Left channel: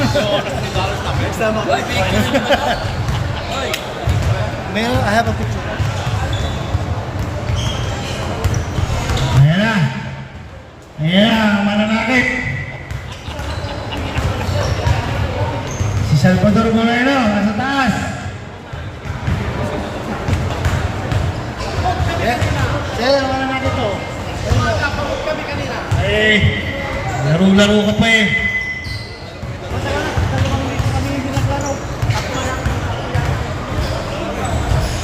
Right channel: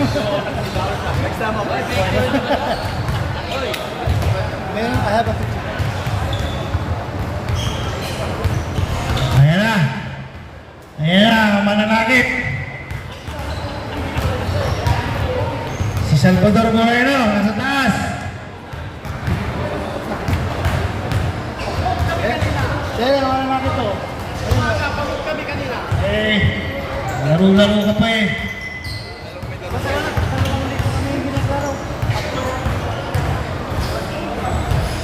Next time ako. Meron, I have a picture. Ayan na. Ayan na, mananakit. Si Salvador Moreno, nasa taas. Sir, mananakit to. Nakapagod kami kanina. Eh, laro-laro ka pa eh.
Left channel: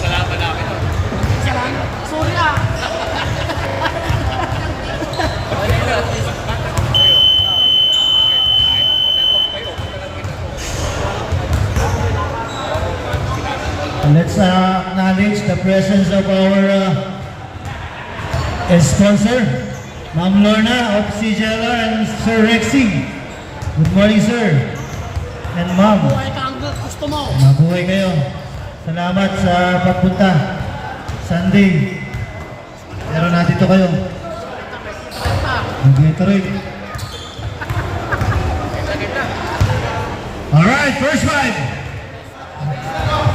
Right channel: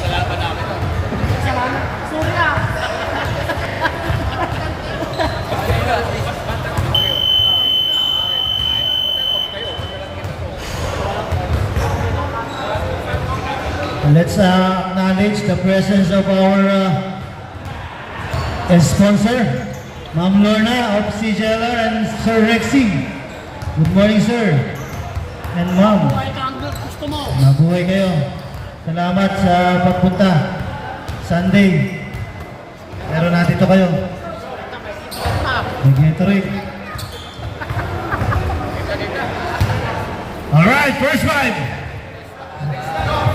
Salamat namin. Salamat. Sorry ah. Let's acknowledge the presence of our sponsor, Ma'am Lorna of CJLR and Sir Rexy. Good morning, sir. And Ma'am. Buhay ka ang gusto mo. Mabuhay kayo. Salamat sa pagpunta. Sunday. Pero nandito kayo. Nandito rin. Alright, first five.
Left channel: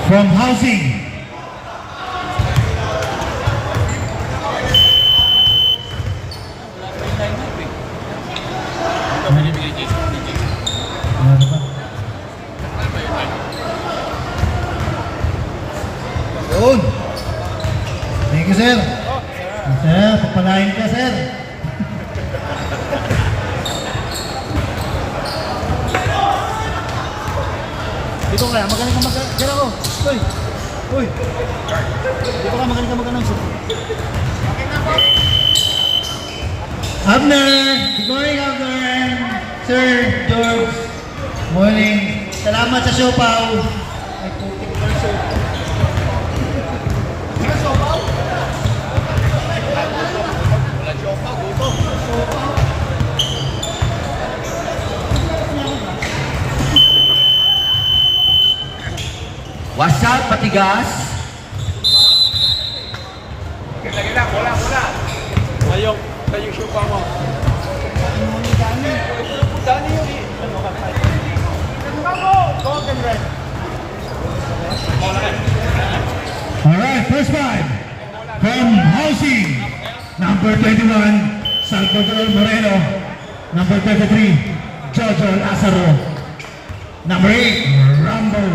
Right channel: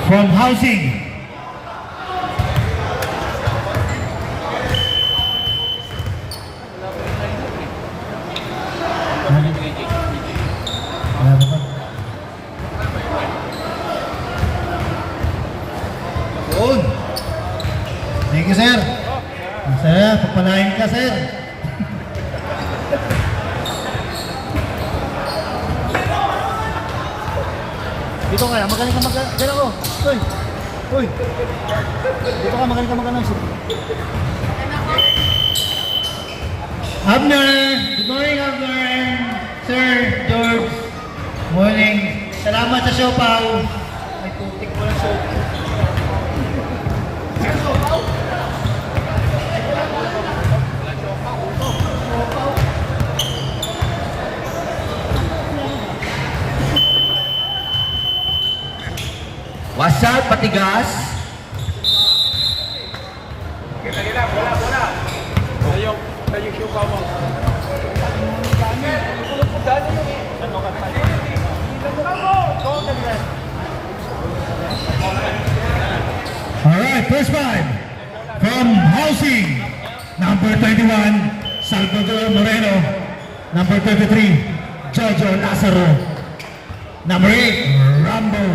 From housing. Yun. Thank you, sir. Sir, papalain ka, sir. Dito ka, magaling ka mag-gala ko. Uy. Uy. Dito ka, magaling ka mag-announce. Abner! Good morning, Abner! Sir George. Morning. Salamat sa show, Pao. Ay, putik mo na show. What's up, patigas? Kayo siya pa mo. Alright, first five. From housing. Number 21, Salvador Moreno. Number 33, Jojo Lazaro. Number 8, Rambo.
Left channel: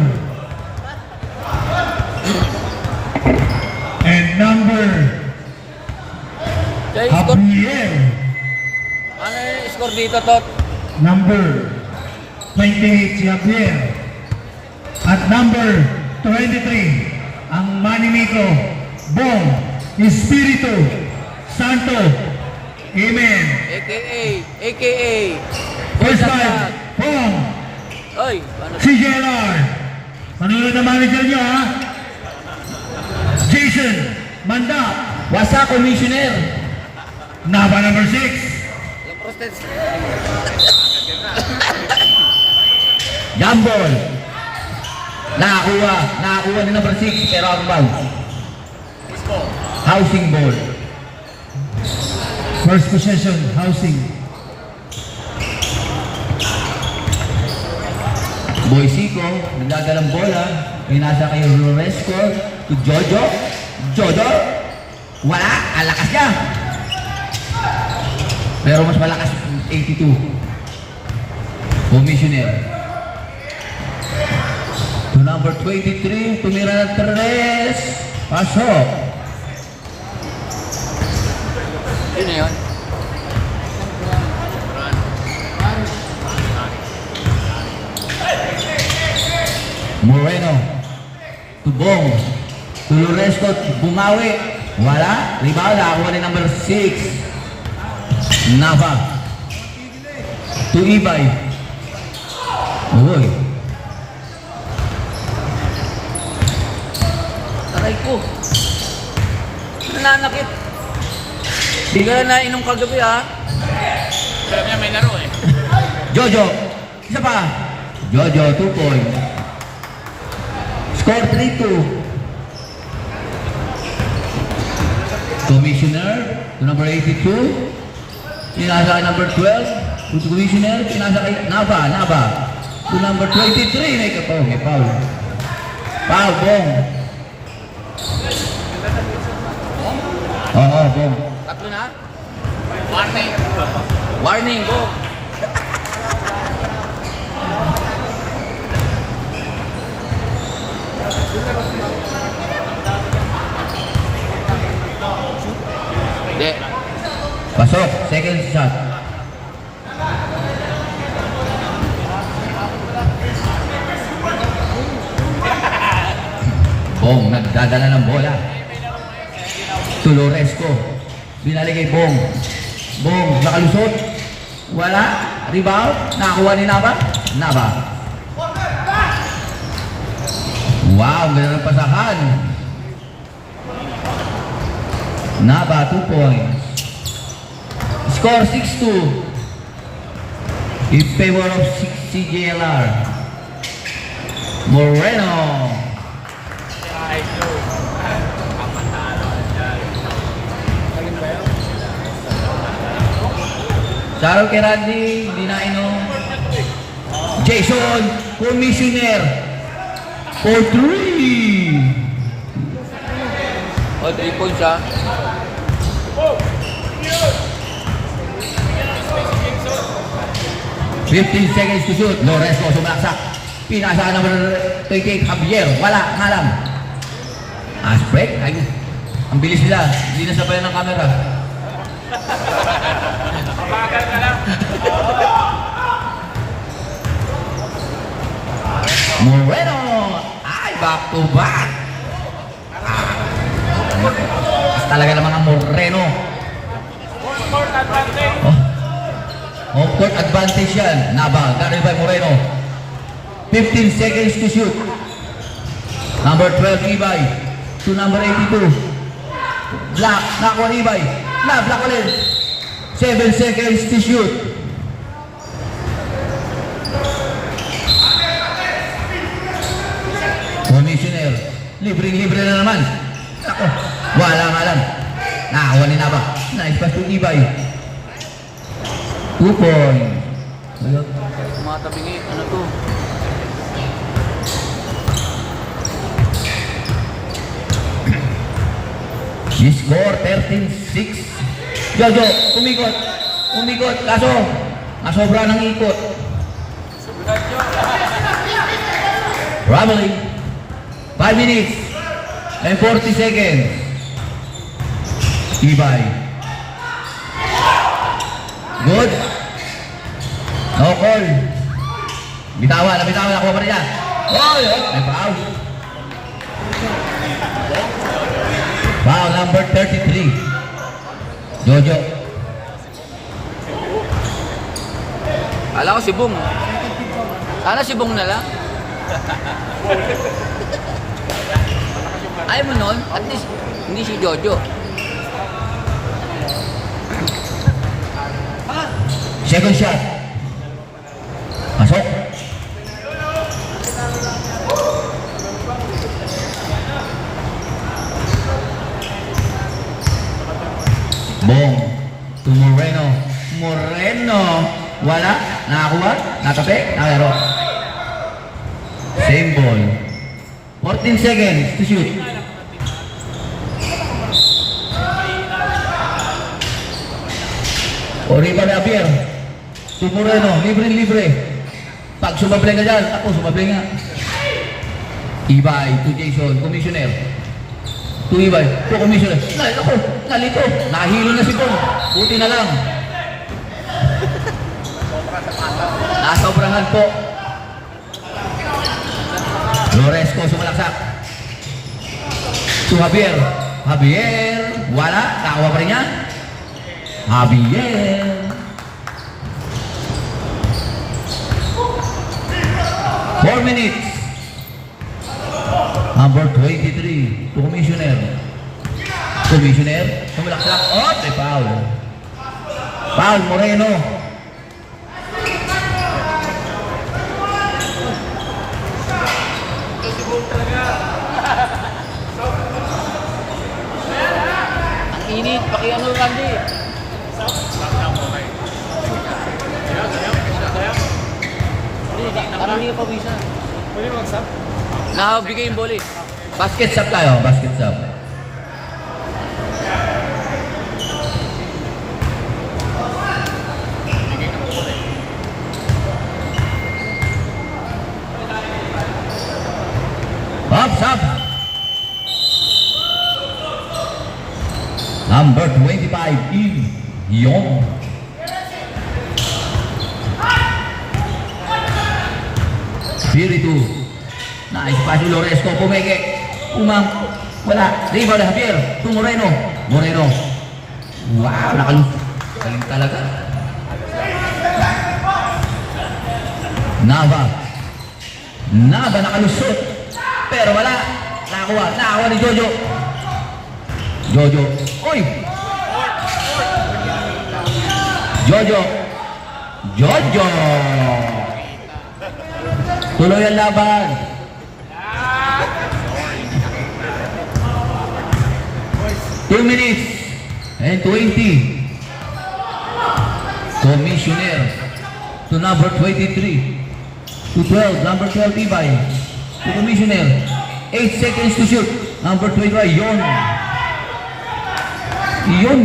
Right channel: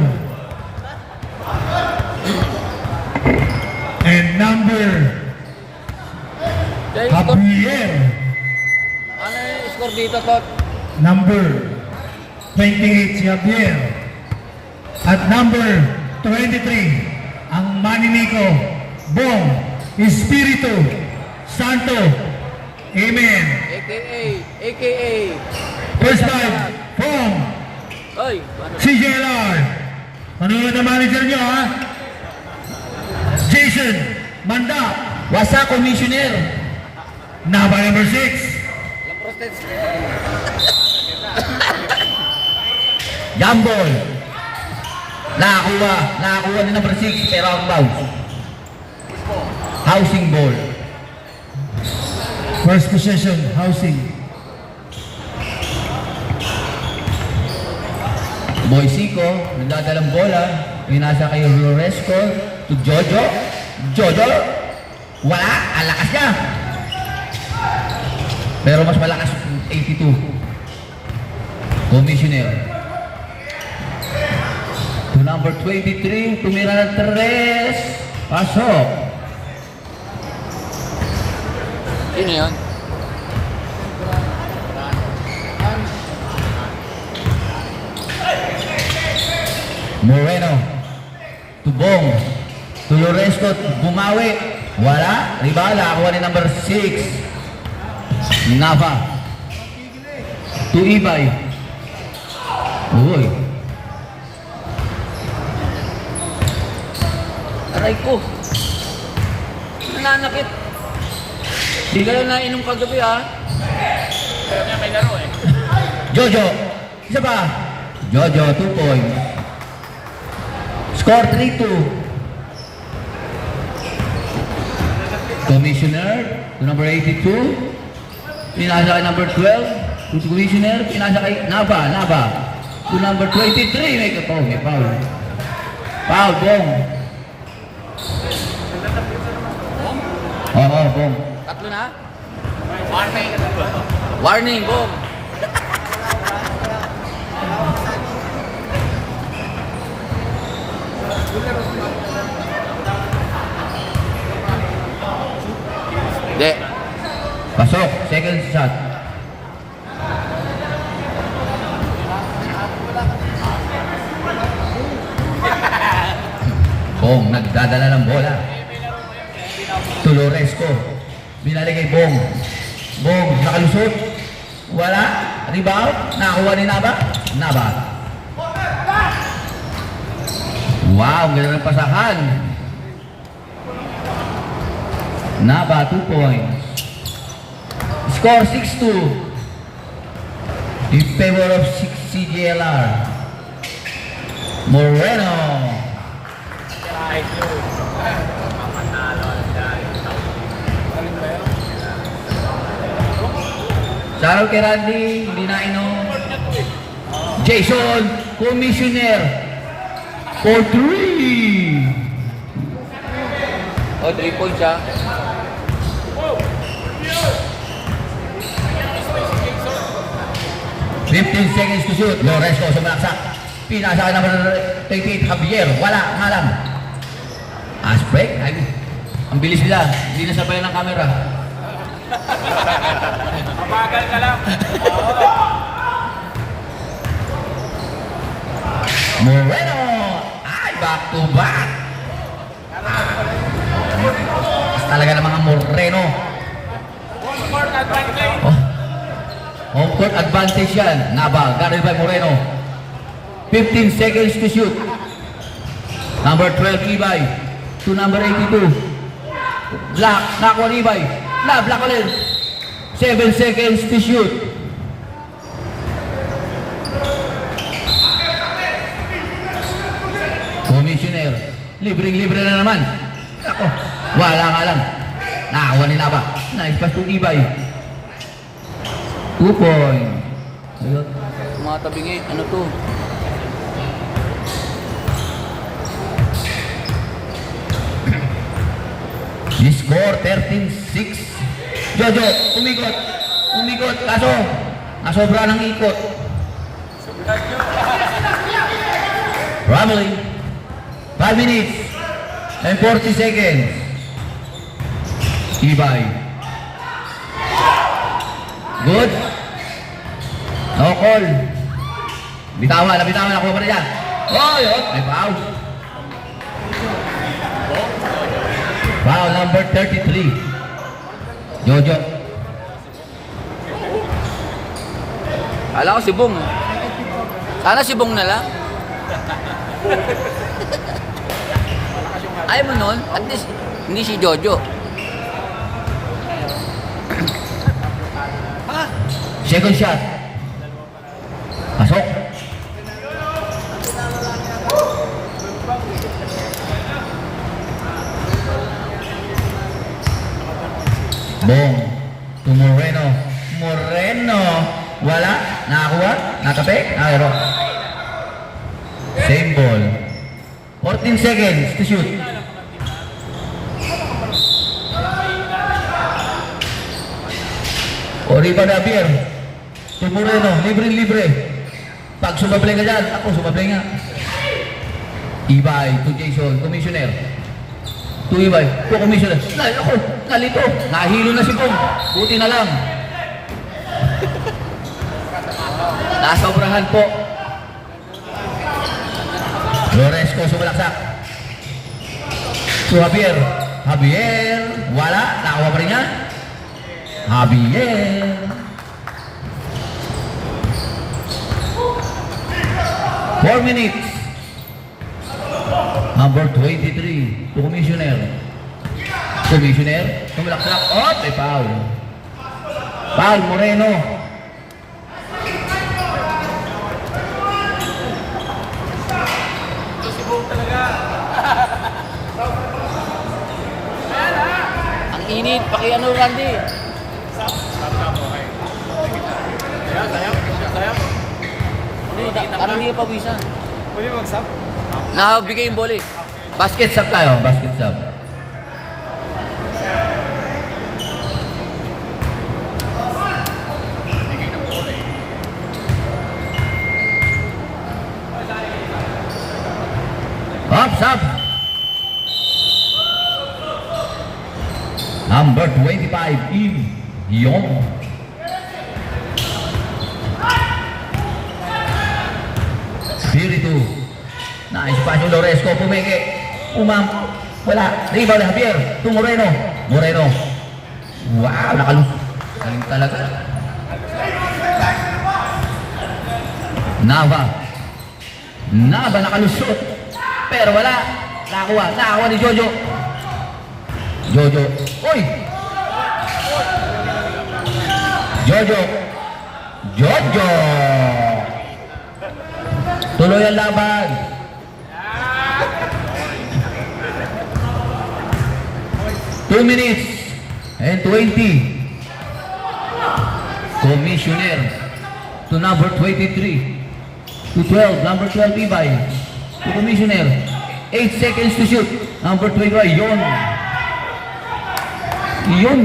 And number Gabriel. Ano yung score dito, Tot? Number 28, Javier. At number 23, ang Manimiko, Bong Espiritu Santo. Amen. AKA. First five from Oy, paano? CJLR. Nanonood ang manager niyo, ha? Jason Manda. Wasa, Commissioner. Naba number 6. Walang protest. Jambol. Nakakuha ni number 6, pero ang bounce. Housing ball. First possession, housing. Boy Sico, nagdadalang bola. Pinasa kayo Loresco. To Jojo. Jojo. Wala, alakas niya. Pero mas malakas 82. Commissioner. To number 23, tumira ng 3. Pasok. Yun yun. Moreno. To Bong. To Loresco, bumawi. Wala. Rebound, nakakuha ni number 6. Nava. To Ibay. Uy. Aray ko. Nananakit. Hindi ka na inom kagabi, ha? May laro eh. Jojo. Isa pa. Jojo, 2 point. Score 3-2. Commissioner, to number 82. Pinasa kay number 12. To Commissioner, pinasa kay Nava. to number 23. May foul. May foul. Foul, Bong. Oo, Bong. Tatlo na? Warning. Warning, go. Hindi. Pasok. Second shot. Bong, nagdadala ng bola. Tuloresco. Binalik kay Bong. Bong, nakalusot. Wala. Rebound. Nakakuha ni Naba. Naba. Wow, ganda ng pasahan. Naba, 2 points. Score 6-2. In favor of CJLR. Moreno. Shoutout kay Randy, hindi na Jason, commissioner. For 3. O, 3 points siya. Fifteen seconds to shoot. Loresco sumaksak. Pinasa na 38. Javier. Wala. Malam. Break. Ay, ang bilis nila. Hindi na sabayan ng camera. Moreno. Ay, back to back. Talaga ng mga Moreno. Home court advantage yan. Naba, guarded by Moreno. 15 seconds to shoot. Number 12, Ibay. To number 82. Black, nakuha ni Ibay. Black ulit. 7 seconds to shoot. Commissioner. Libre na naman. Ako, walang alam. Nakakuha ni Naba. Nice pass to Ibay. 2 points. Ayun. Mga tabingi, ano to? The score 13-6. Jojo, umikot. Kaso, nasobra ng ikot. Ramley. 5 minutes and 40 seconds. Ibay. Good. No call. Bitawan, nakuha pa rin yan. May foul. Foul number 33. Jojo. Kala ko si Bong. Sana si Bong na lang. Ayaw mo nun, at least hindi si Jojo. Second shot. Pasok. Bong. To Moreno. Wala. Nakakuha. Nakape. Nakero. Same ball. 14 seconds to shoot. Oriba na Javier. To Moreno. Libre. Pag sumablay ka dyan, ako sumablay nga. Ibay to Jason, commissioner. To Ibay, to commissioner. Ako, nalito. Nahilo na si Bong. Buti na lang. Nasobrahan po. Loresco sumalaksak. To Javier. Wala. Nakakuha pa rin niya. Javier. Four minutes. Number 23. To commissioner. Sumalaksak. May foul. Foul, Moreno. Ang init, pakiano Randy. Kami hindi pa bisa. Pwede mag-sub? Nakabigay yung bola eh. Basket sub tayo, basket sub. Up, sub. Number 25, Im Yong. Spiritu. Nice pass ni Loresco, pumeke. Wala. Rebound na Javier. To Moreno. Moreno. Wow, nakalus. Galing talaga. Nava. Nava nakalusot. Pero wala. Nakakuha ni Jojo. Jojo. Oy! Jojo. Jojo. Tuloy ang laban. Two minutes and 20. Commissioner to number 23. To 12, number 12 Ibay. To Commissioner. 8 seconds to shoot. Number 21, Yon. Yon.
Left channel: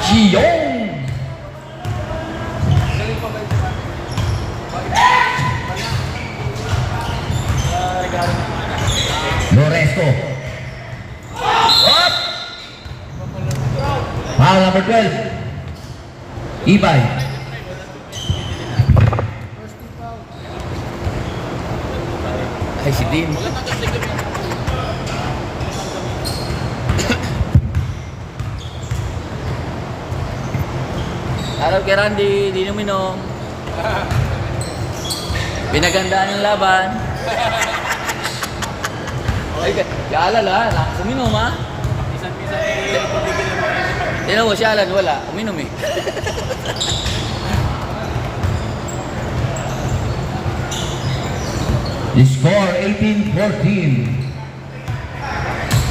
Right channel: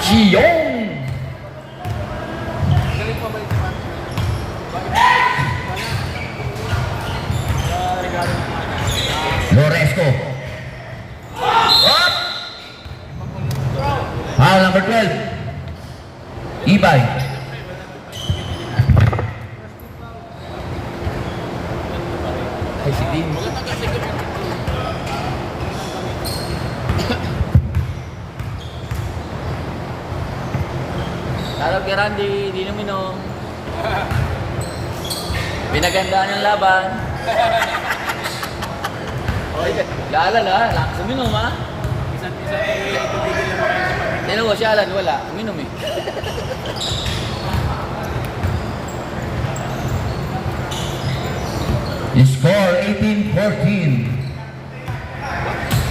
Sion. Loresco. Foul number 12. Ibay. Ay, si Dean. Araw kay Randy, di numinom. Pinagandaan yung laban. Oy, kaalala, uminom ha? Isan-isan eh, tubigin naman kayo sa pag- Tinan mo si Alan, wala. Uminom eh. Score 18-14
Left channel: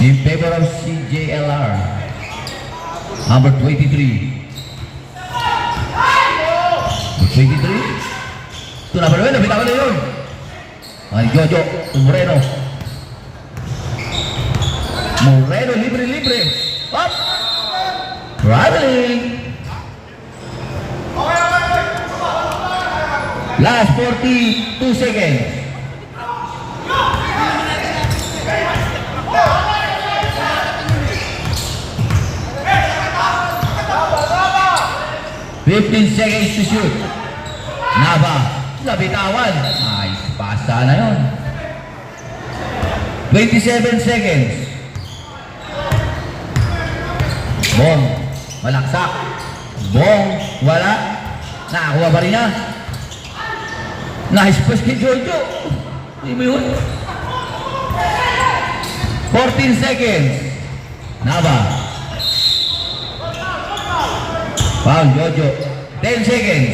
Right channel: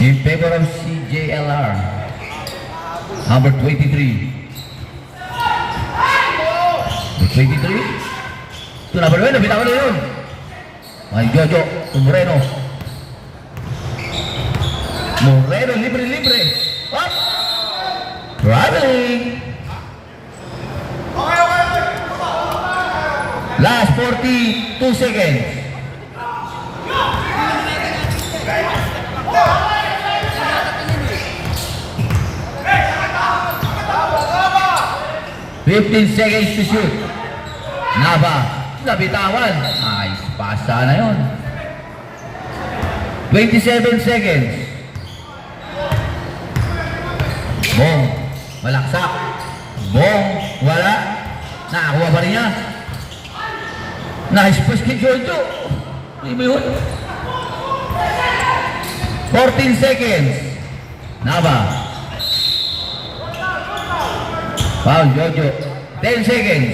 in favor of CJLR. Number 23. 23. Ito na ba yun? Nabita ko na yun. Ay, Jojo. Moreno. Moreno, libre. Up! Traveling. Last 42 seconds. Fifteen seconds to shoot. Nava, nabitawan. Ay, pasta na yun. 27 seconds. Bong, malaksak. Bong, wala. Nakakuha pa rin niya. Nice pass kay Jojo. Hindi mo yun. 14 seconds. Nava. Foul, Jojo. 10 seconds.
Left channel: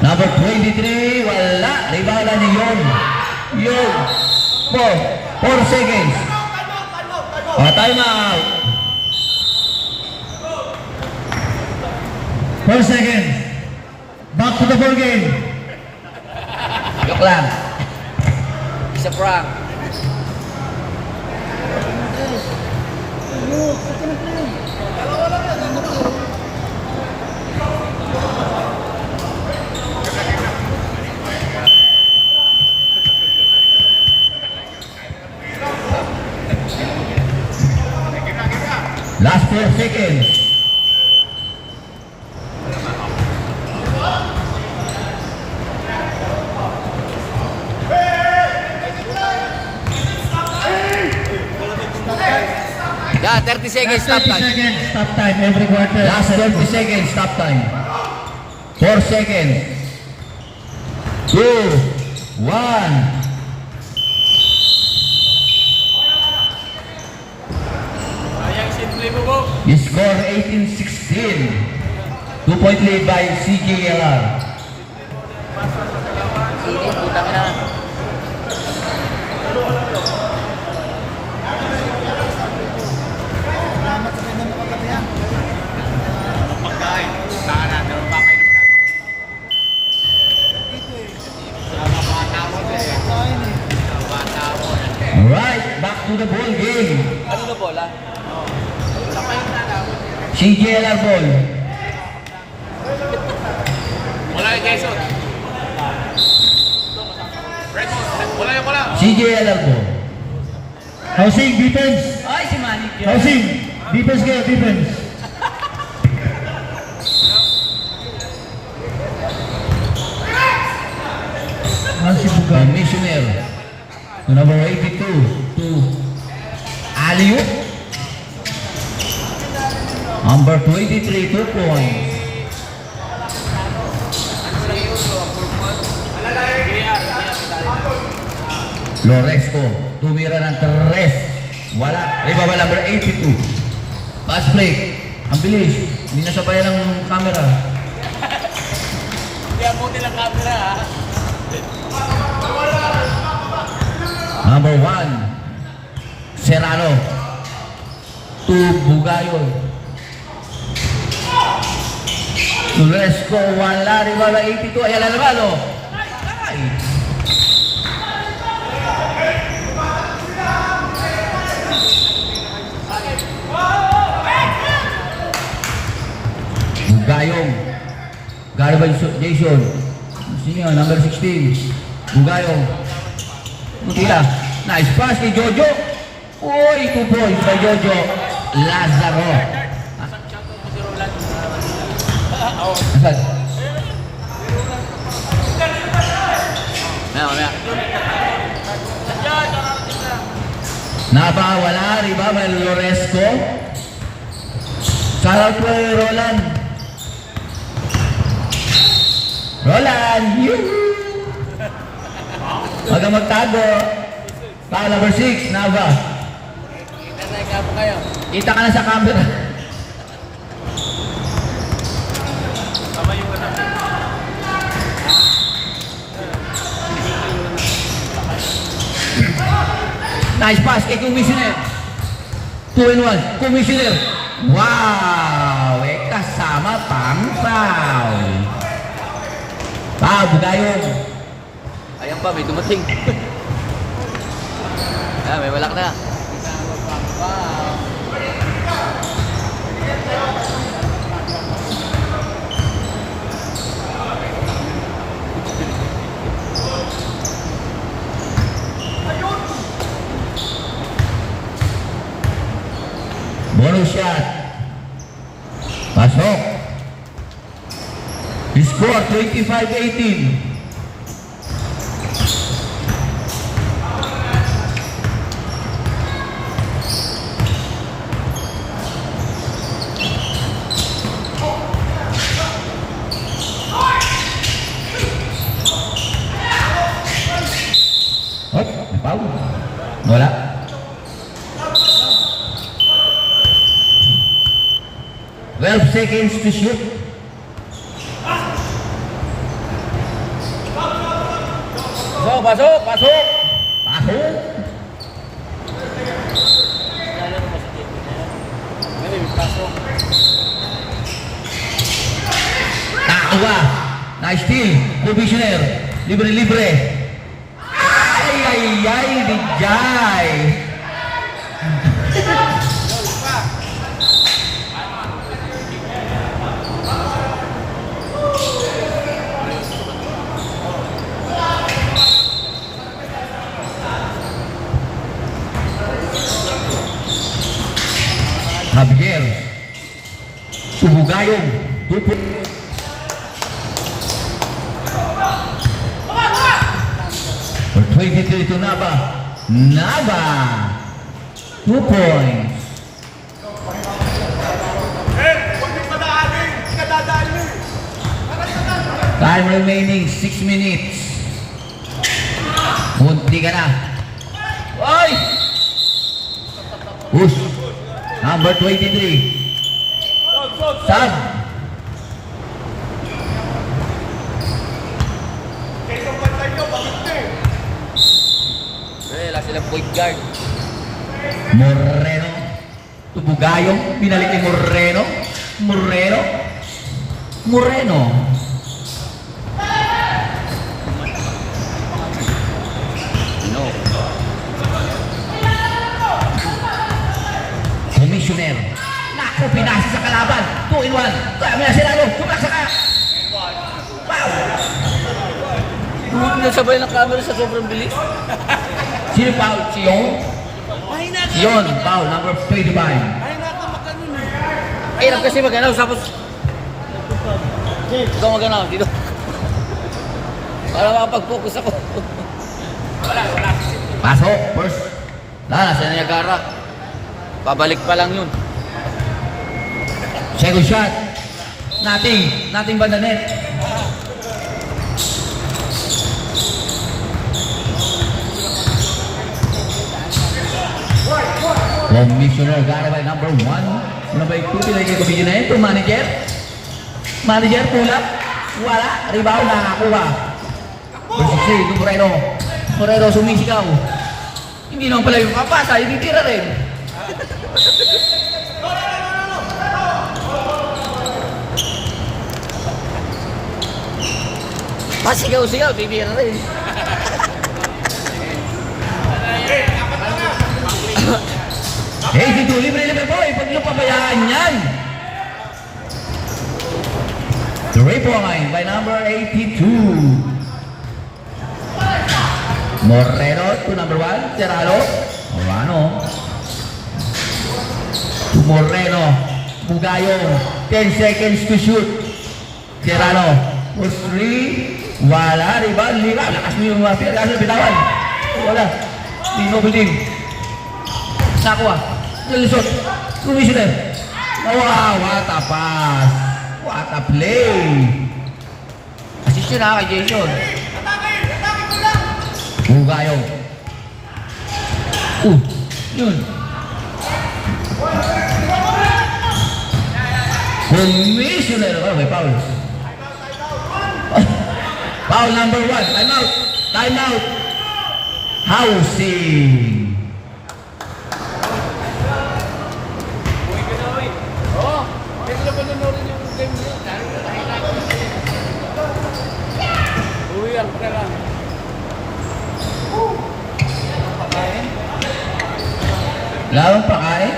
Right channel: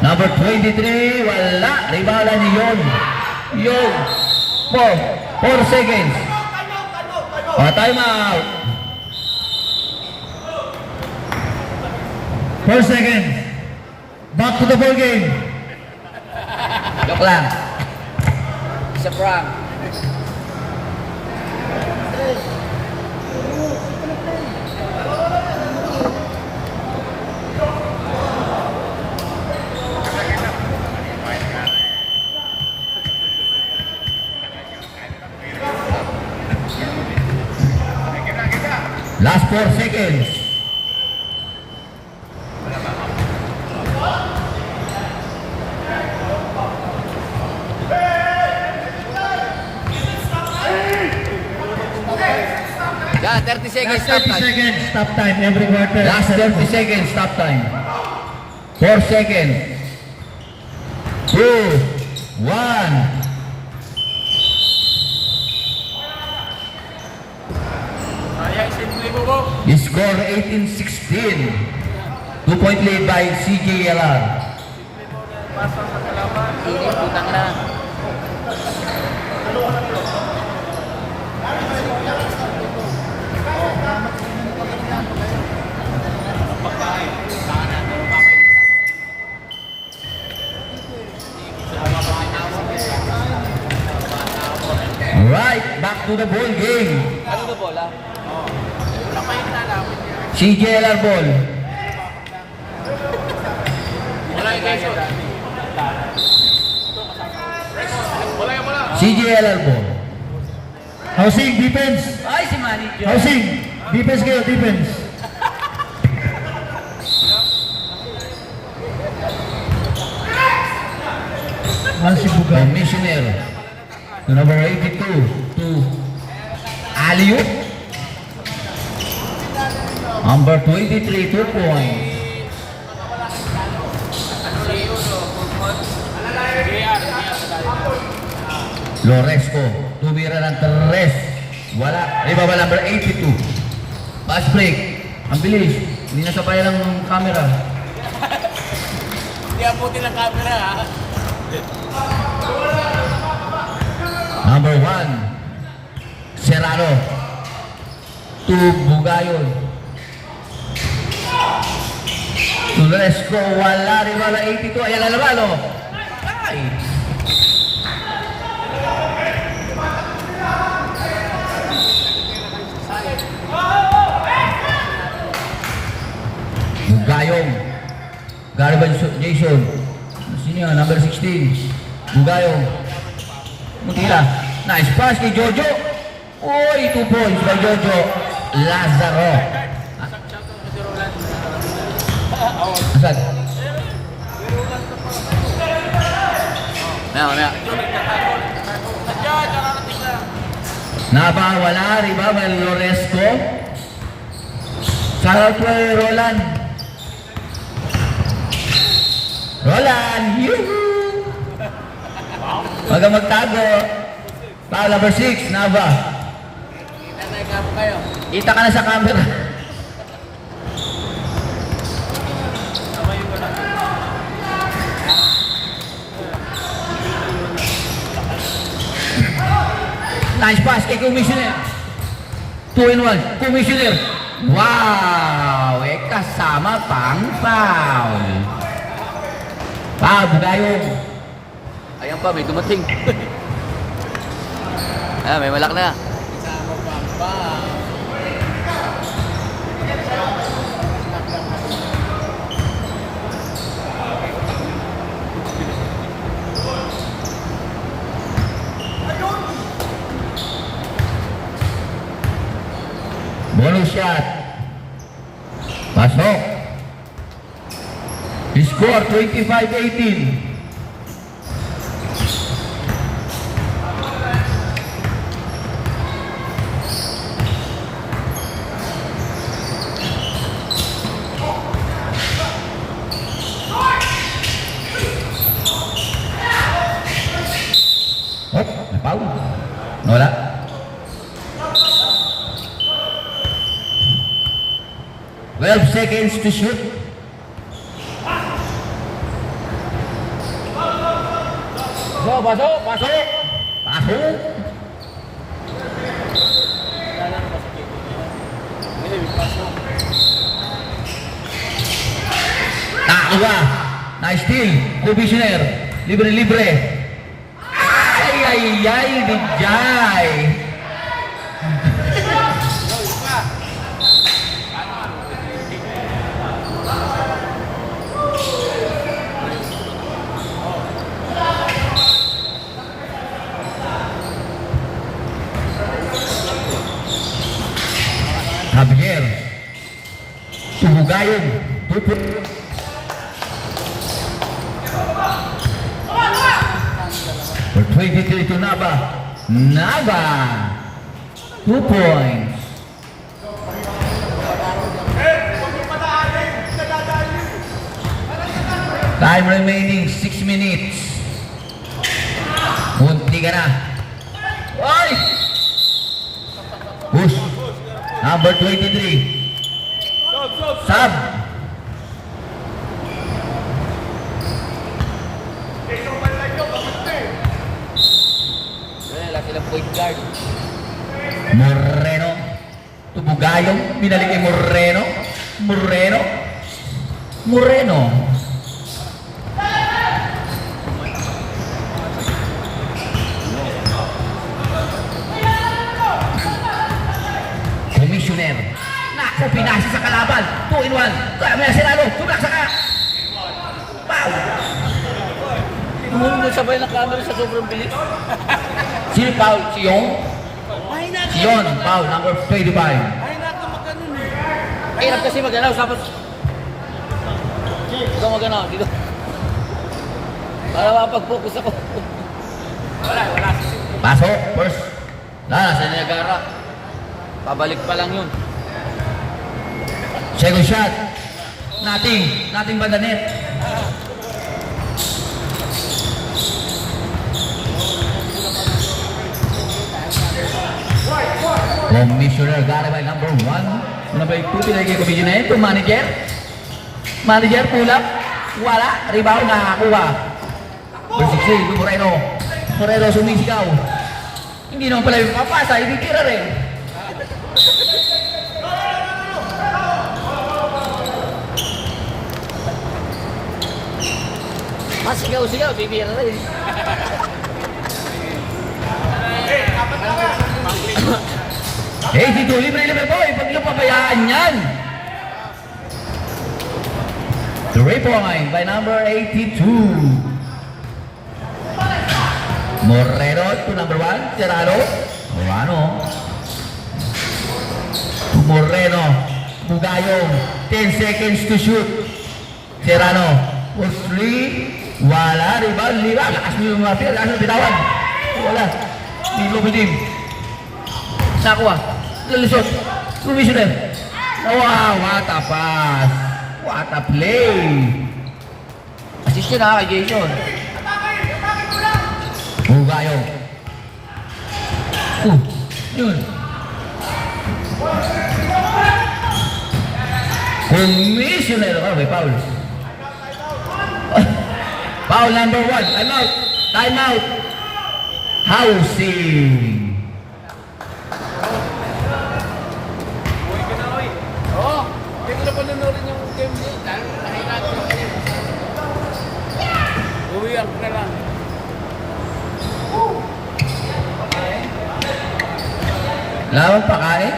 Number 23, wala. Ribala ni Yon. Yon. 4 seconds. Time out. 4 seconds. Back to the ball game. Joke lang. Isa prank. Last 4 seconds. Yeah, 30 seconds stop 30 time. seconds. Stop time every quarter. Last 30 seconds. Stop time. 4 seconds. 2, 1. Sayang, simple mo po. Score 18-16. 2-point lead by CJLR. Init, putang na. CJ Arbol. CJ Arbol. Housing, defense. Ay, si Manny. Housing, defense kayo, defense. Si Bugan. Commissioner. To number 82. To Aliu. Number 23, 2 points. Loresco, tumira ng 3. Wala. Ibaba number 82. Pass break. Ang bilis. Hindi nasabayan ng camera. Number 1. Serrano. 2 Bugayon. Loresco, wala. Ibaba 82. Ayan na naman, oh. Ay. Bugayong. Garban Jason. Sino yun? Number 16. Bugayong. Mutila. Nice pass kay Jojo. Uy, 2 points kay Jojo. Lazaro. Asan? Maya. Wala. Riba, may Loresco. Shoutout kay Roland. Roland, yuhuu! Huwag kang magtago. Foul number 6, Nava. Kita ka na sa camera. Nice pass kay Commissioner. 2-in-1, Commissioner. Wow! Kasama pang foul. Bugayong. Ayan pa, may dumating. Ayan, may malak na. Bonus shot. Pasok. Score 25-18. Oh, napaw. Wala. Well, seconds to shoot. Pasok. Pasok. Takwa. Nice steal. Commissioner. Libre. Ay, Vijay. Javier. Subugayon. For 23 to Nava. 2 points. Time remaining 6 minutes. Munti ka na. Oy! Push. Number 23. Sub. Wala silang point guard. Moreno. Tubugayong. Binalik kay Moreno. Commissioner. Naku, pinasi sa kalaban. 2 in 1. Kaya may Serrano. Kumlaksa ka. Foul. Hindi sabay ng camera sa sobrang bilis. Sino foul? Si Yong? Ay, naka. Si Yon, foul. Number 25. Ay, naka magkanon eh. Ay, lang kasi maganaw. Tapos, ikaw maganaw. Dito. Para makapag-focus ako. Wala. Pasok. First. Sa Niagara. Pabalik pa lang yun. Second shot. Nothing ba the net? Commissioner got by number 1. Number 2, pinagay ko video na ito. Manager, pull up. Wala. Rebound, nakakuha. Number 16, Moreno. Moreno sumisigaw. Hindi naman pala yung papasa, hindi tira rin. Masigaw-sigaw, bibigyan na rin. Eh, dito, libre boy. Pag nyo pabayaan yan. 3 point by number 82. Moreno to number 1. Serrano. Moreno. Mugayong. 10 seconds to shoot. Serrano. For 3. Wala. Rebound. Lakas niyo yung mga pira. Kasi bitawan. Wala. Hindi mo buting. Nakuha. Lalusot. Commissioner. Wow, what a pass. What a play. Assist yun kay Jason. Hugayo. Yun. Commissioner. May foul. Foul number 1. Time out. Housing. Lawang pakain?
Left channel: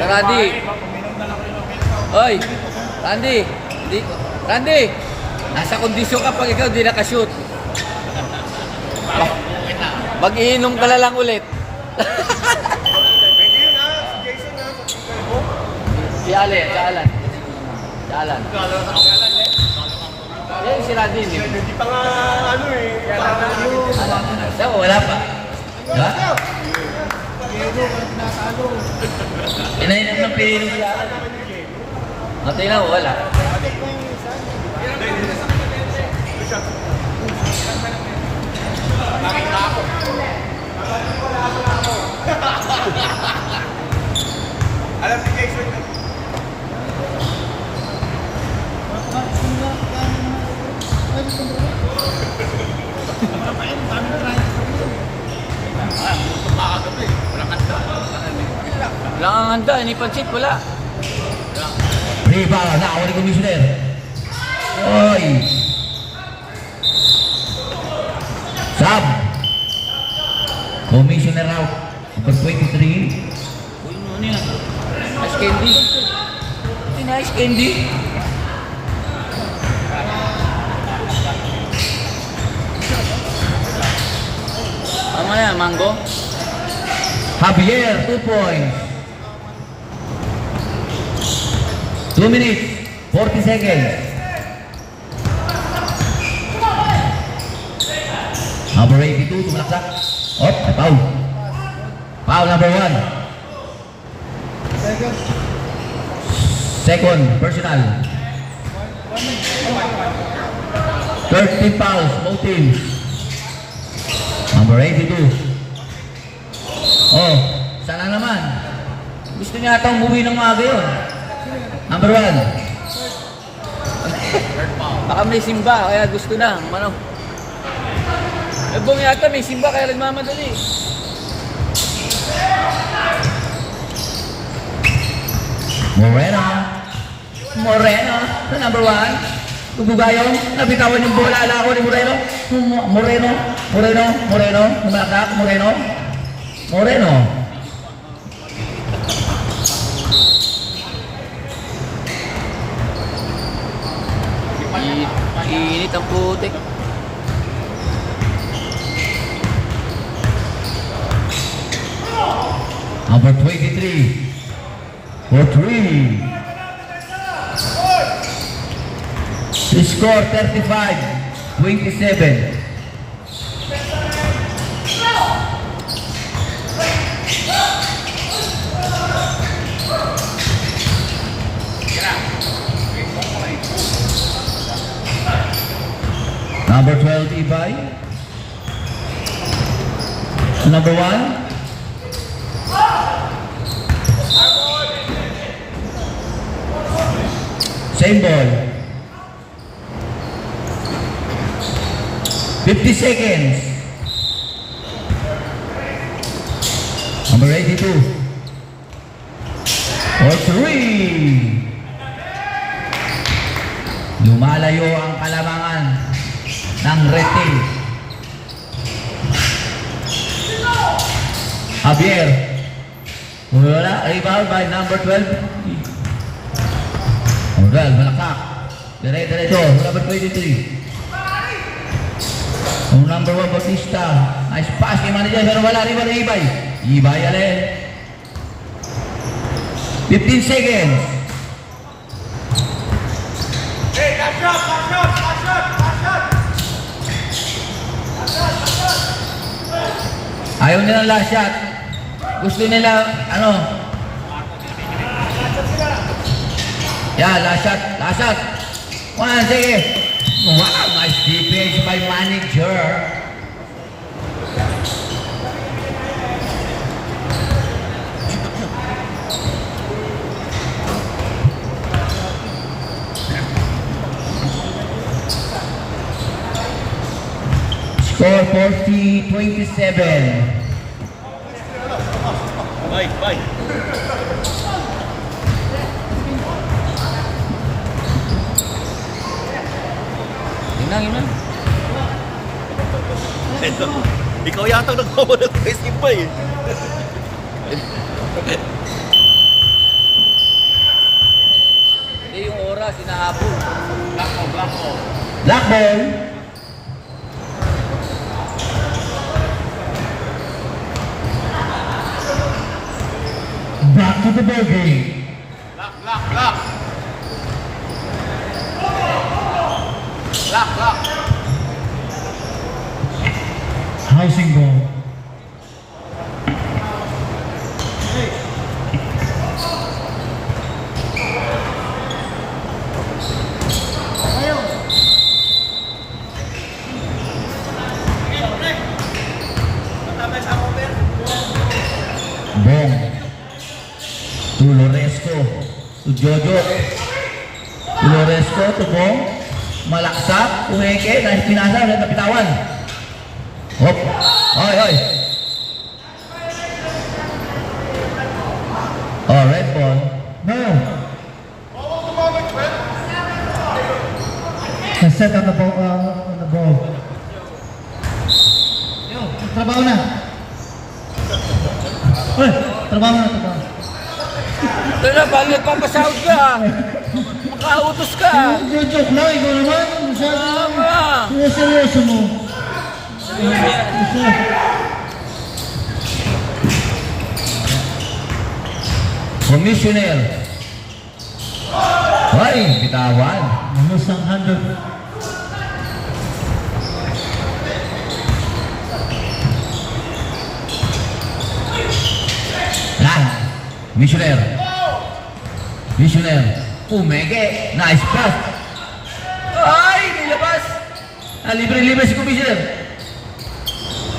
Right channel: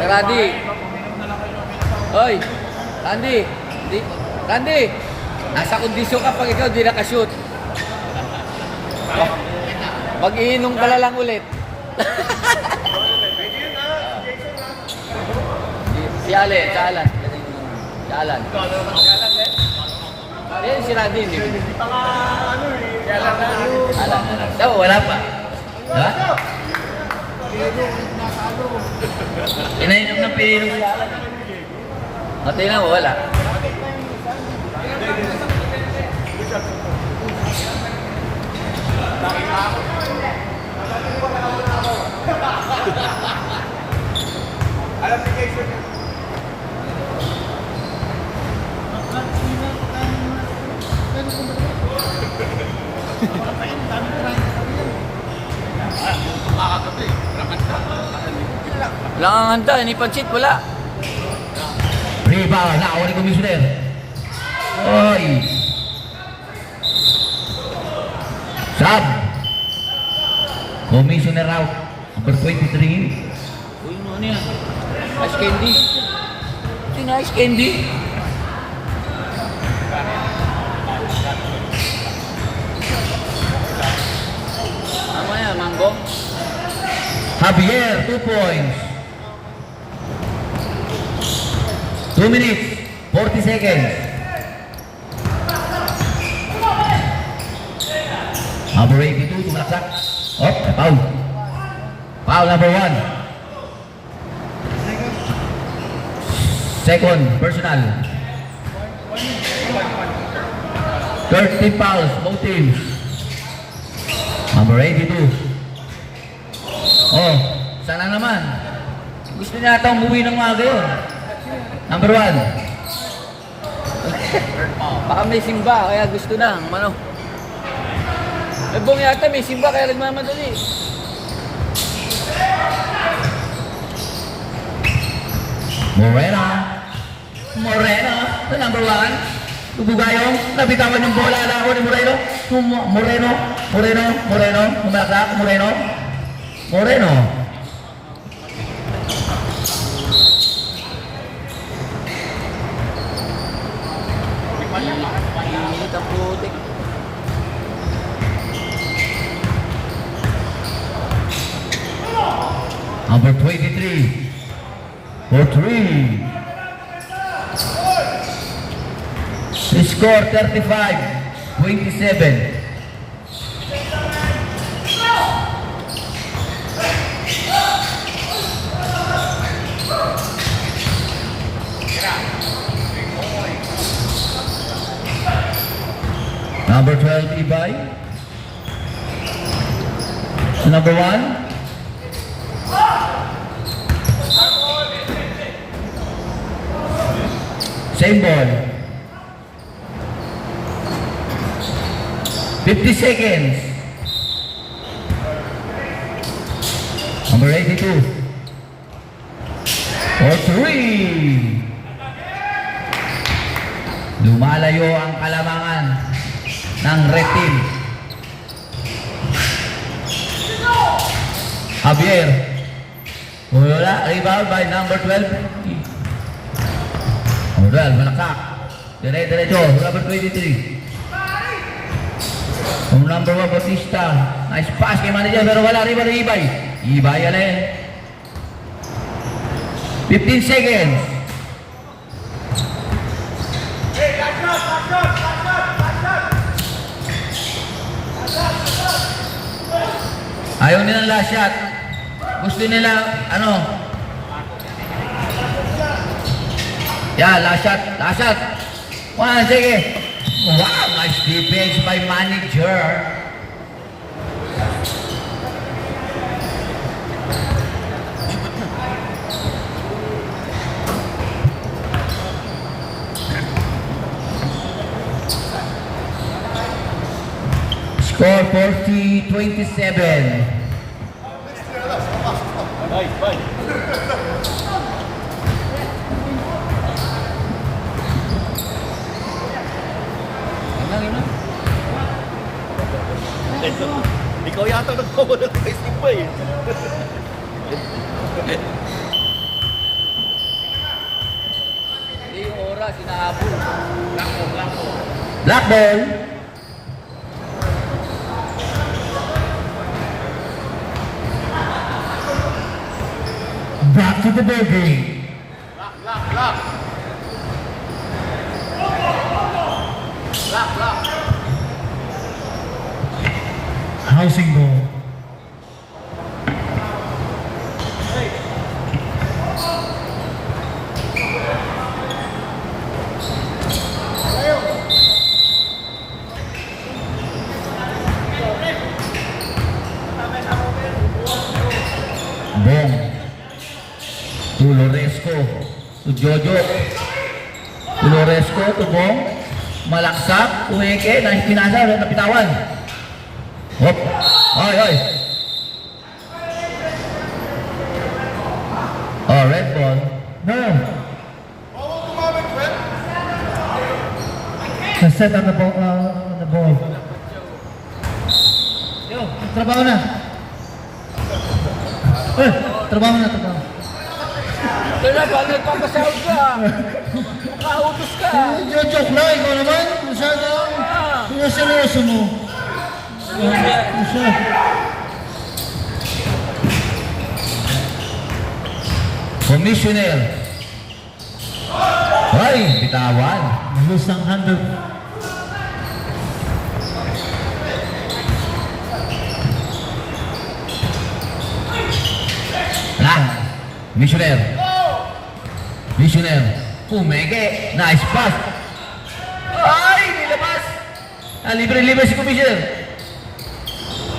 Randy. Oy. Randy. Nasa kondisyon ka pag ikaw di nakashoot. Mag-iinom ka na lang ulit. Si Alan. Eh, si Randy. Hindi pa nga Wala pa. Ha? Inainap ng pili sila. Matay na, wala. Lang ang handa, ni Pansit, wala. Rebound, nakawa ni Commissioner. Oy. Sub. Commissioner out. Number 23. Uy, ano yan? Nice candy. Nice candy. Ano yan, mango? Javier, 2 points. 2 minutes, 40 seconds. Number 82, tumalaksak. Foul. Foul number 1. Second, personal. 30 fouls, both teams. Number 82. Oh, sana naman. Gusto niya ata umuwi ng maaga yun. Number 1. Baka may simba, kaya gusto na. Ano? Nagbuong yata may simba, kaya nagmamadali. Moreno, number 1. Bugayong, nabitawan yung bola na ako ni Moreno. Moreno, umalakak, Moreno. Init ang putik. Number 23. For 3. To score 35-27. Number 12, Ibay. Number 1. Same ball. 50 seconds. Number 82. For 3. Lumalayo ang kalamangan ng red team. Javier. Wala. Rebound by number 12. Moral, malakak. Dire-diretso. Number 23. Ang number 1, Bautista. Nice pass kay manager. Pero wala rin ba ng Ibay? Ibay alin. 15 seconds. Ayaw nilang last shot. Gusto nila, ano? Yeah, last shot. One, sige. Wow, nice defense by manager. Score 40-27. Bye. Yun lang. Ikaw yata nagbawa ng Facebook pa eh. Hindi yung oras, inahabol. Black ball. Back to the ball game. Housing ball. Bong. To Loresco. To Jojo. To Loresco. To Bong. Malaksak. Uheke. Nais pinasa. Ulit napitawan. Hop. Ay. Oh, red ball. No. Set on the ball. Yo, trabaho na. Trabaho na. Ito na, balik papasahod ka. Makautos ka. Joke lang, ikaw naman. Masyado lang. Seryoso mo. Commissioner. Ay, bitawan. Lose ang 100. Missioner. Umeke. Nice pass. Ay, nilabas. Libre-libre si Commissioner.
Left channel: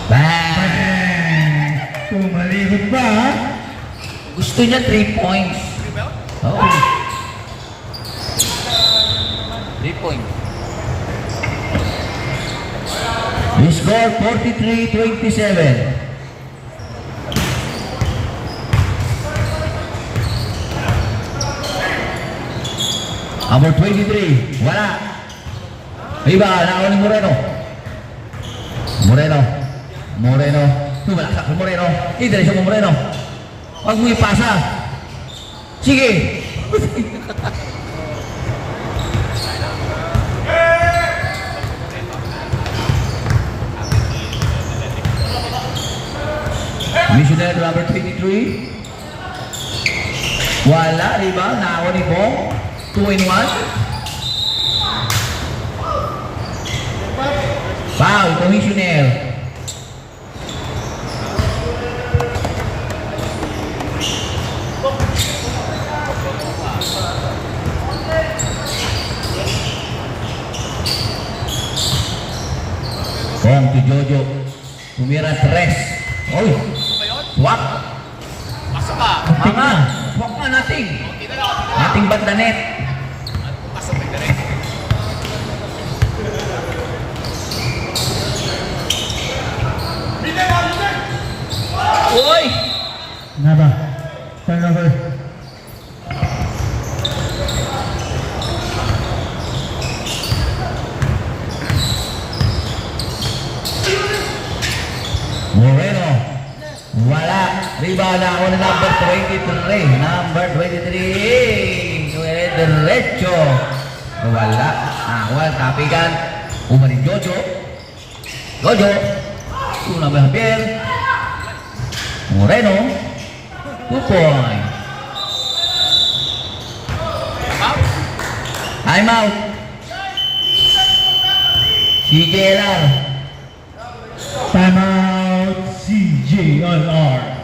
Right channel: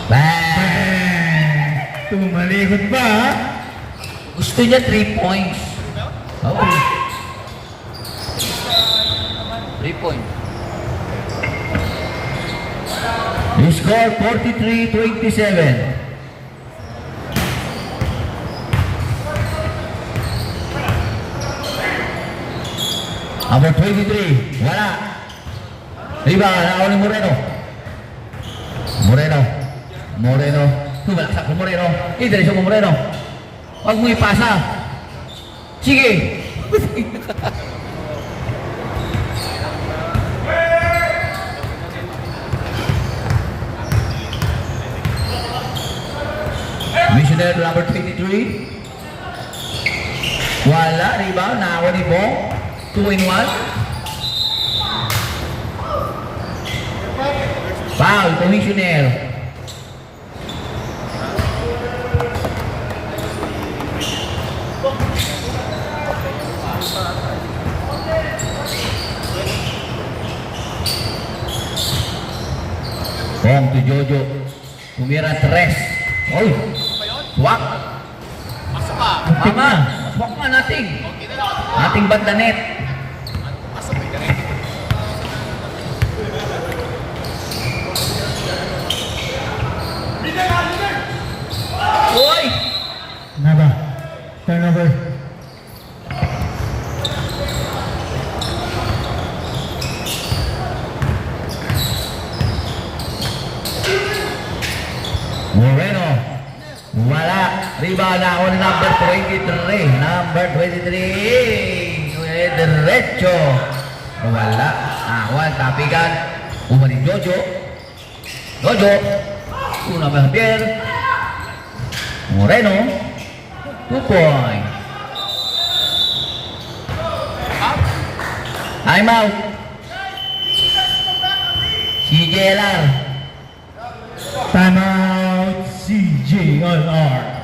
Bang! Tumalikot pa, ha? Gusto niya 3 points. Okay. 3 points. You score 43-27. Number 23, wala. Rebound, nakuha ni Moreno. Moreno. Tumalaksak si Moreno. Idiretso mo Moreno. Huwag mo ipasa. Sige. Missionary number 23. Wala, rebound. Nakakuha ni Bong. 2-in-1. Foul, commissioner. Bong to Jojo. Tumira 3. Oy. Swak. Pasok ka. Ama. Swak na nating. Nating banda net. Pasok ay direct. Uy! Nada. Turnover. Moreno. Wala. Rebound na ako number 23. Number 23. Diretso. Wala. Awan. Tapigan. Umani Jojo. Jojo. Una ba Javier. Moreno. 2 point. I'm out. CJLR. Timeout CJLR.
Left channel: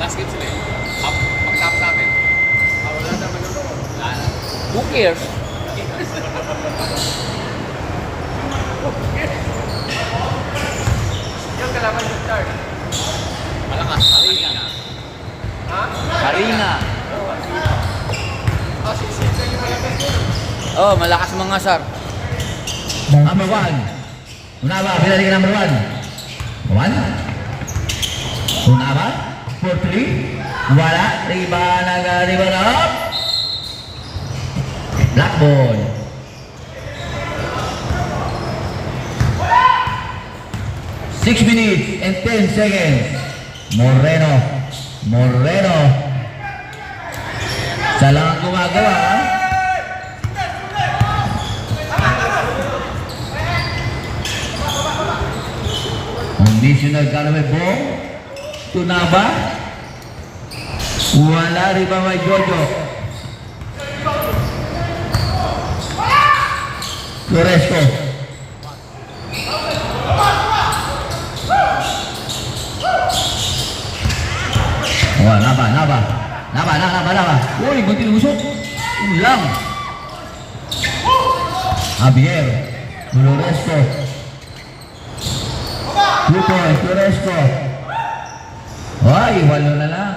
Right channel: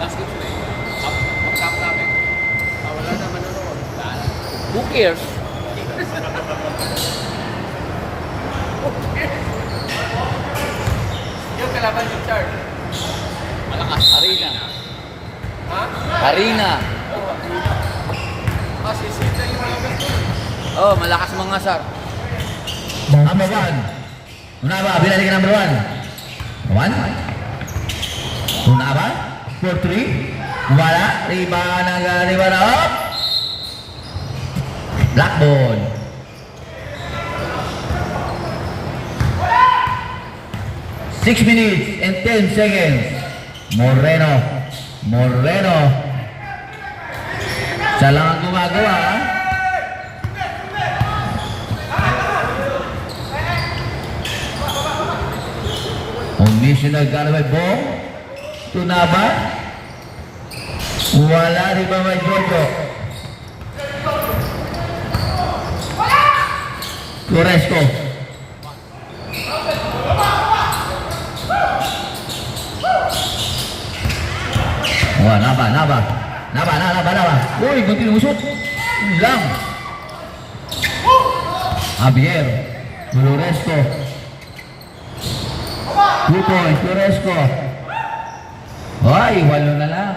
Last game sila. Pag-tap sa amin. Wala na manunood. Who cares? Yung kalaban yung third. Malakas. Harina. Harina. Oh, malakas mga sar. Number 1. Una ba? Pinali ka number 1. 1. Una ba? 4-3. Wala. Rebound na up. Blackball. Six minutes and 10 seconds. Moreno. Siya lang ang gumagawa, ha? Conditional Galway Bong. Tunaba. Wala rin ba may Jojo? Loresco. Oh, naba. Uy, gunting usok. Ulang. Javier. Loresco. 2 points, Loresco. Ay, 8 na lang.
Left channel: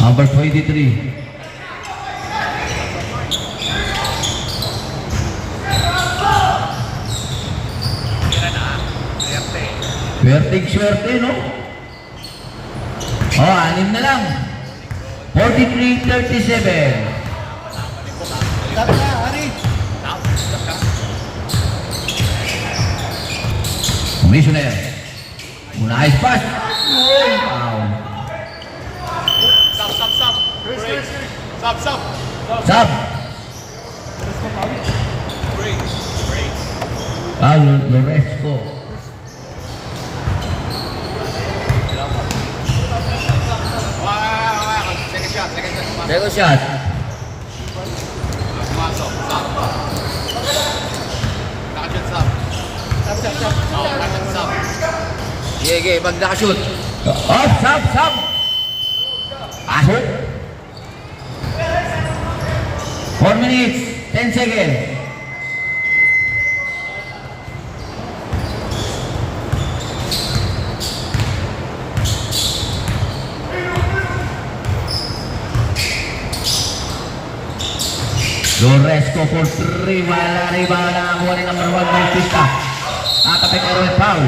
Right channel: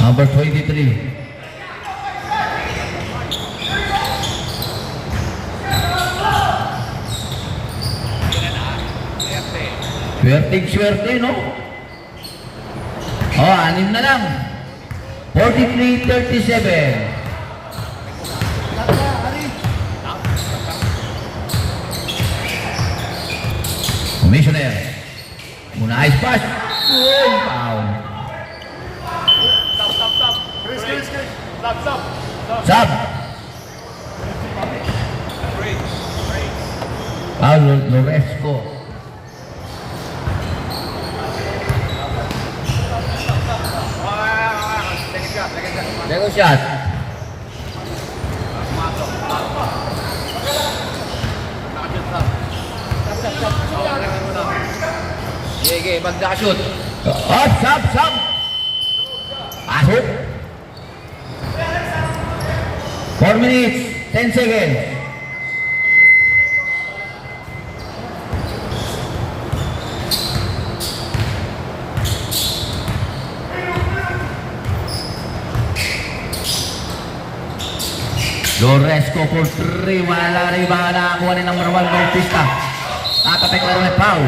Number 23. Swerte, no? Oh, 6 na lang. 43-37. Commissioner. Una ice pass. Foul. Sub. Loresco. Second shot. Sige, pag nakashoot. Sub. Pasok. 4 minutes, 10 seconds. Loresco for 3. Wala rebound na ang wali number 1 Bautista. Tatapik na rin foul.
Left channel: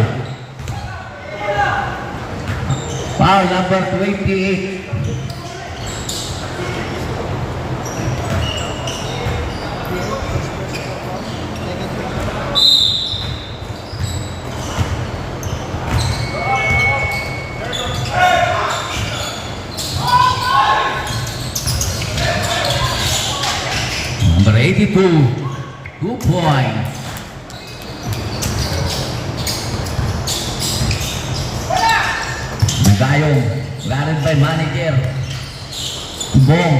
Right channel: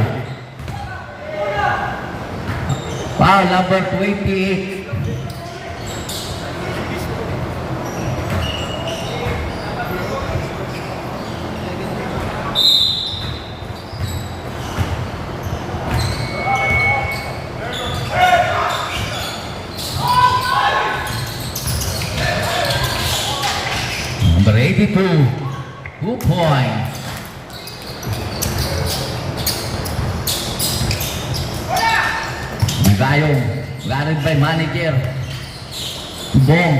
Foul number 28. Number 82, 2 points. Magayong, guarded by manager. Bong.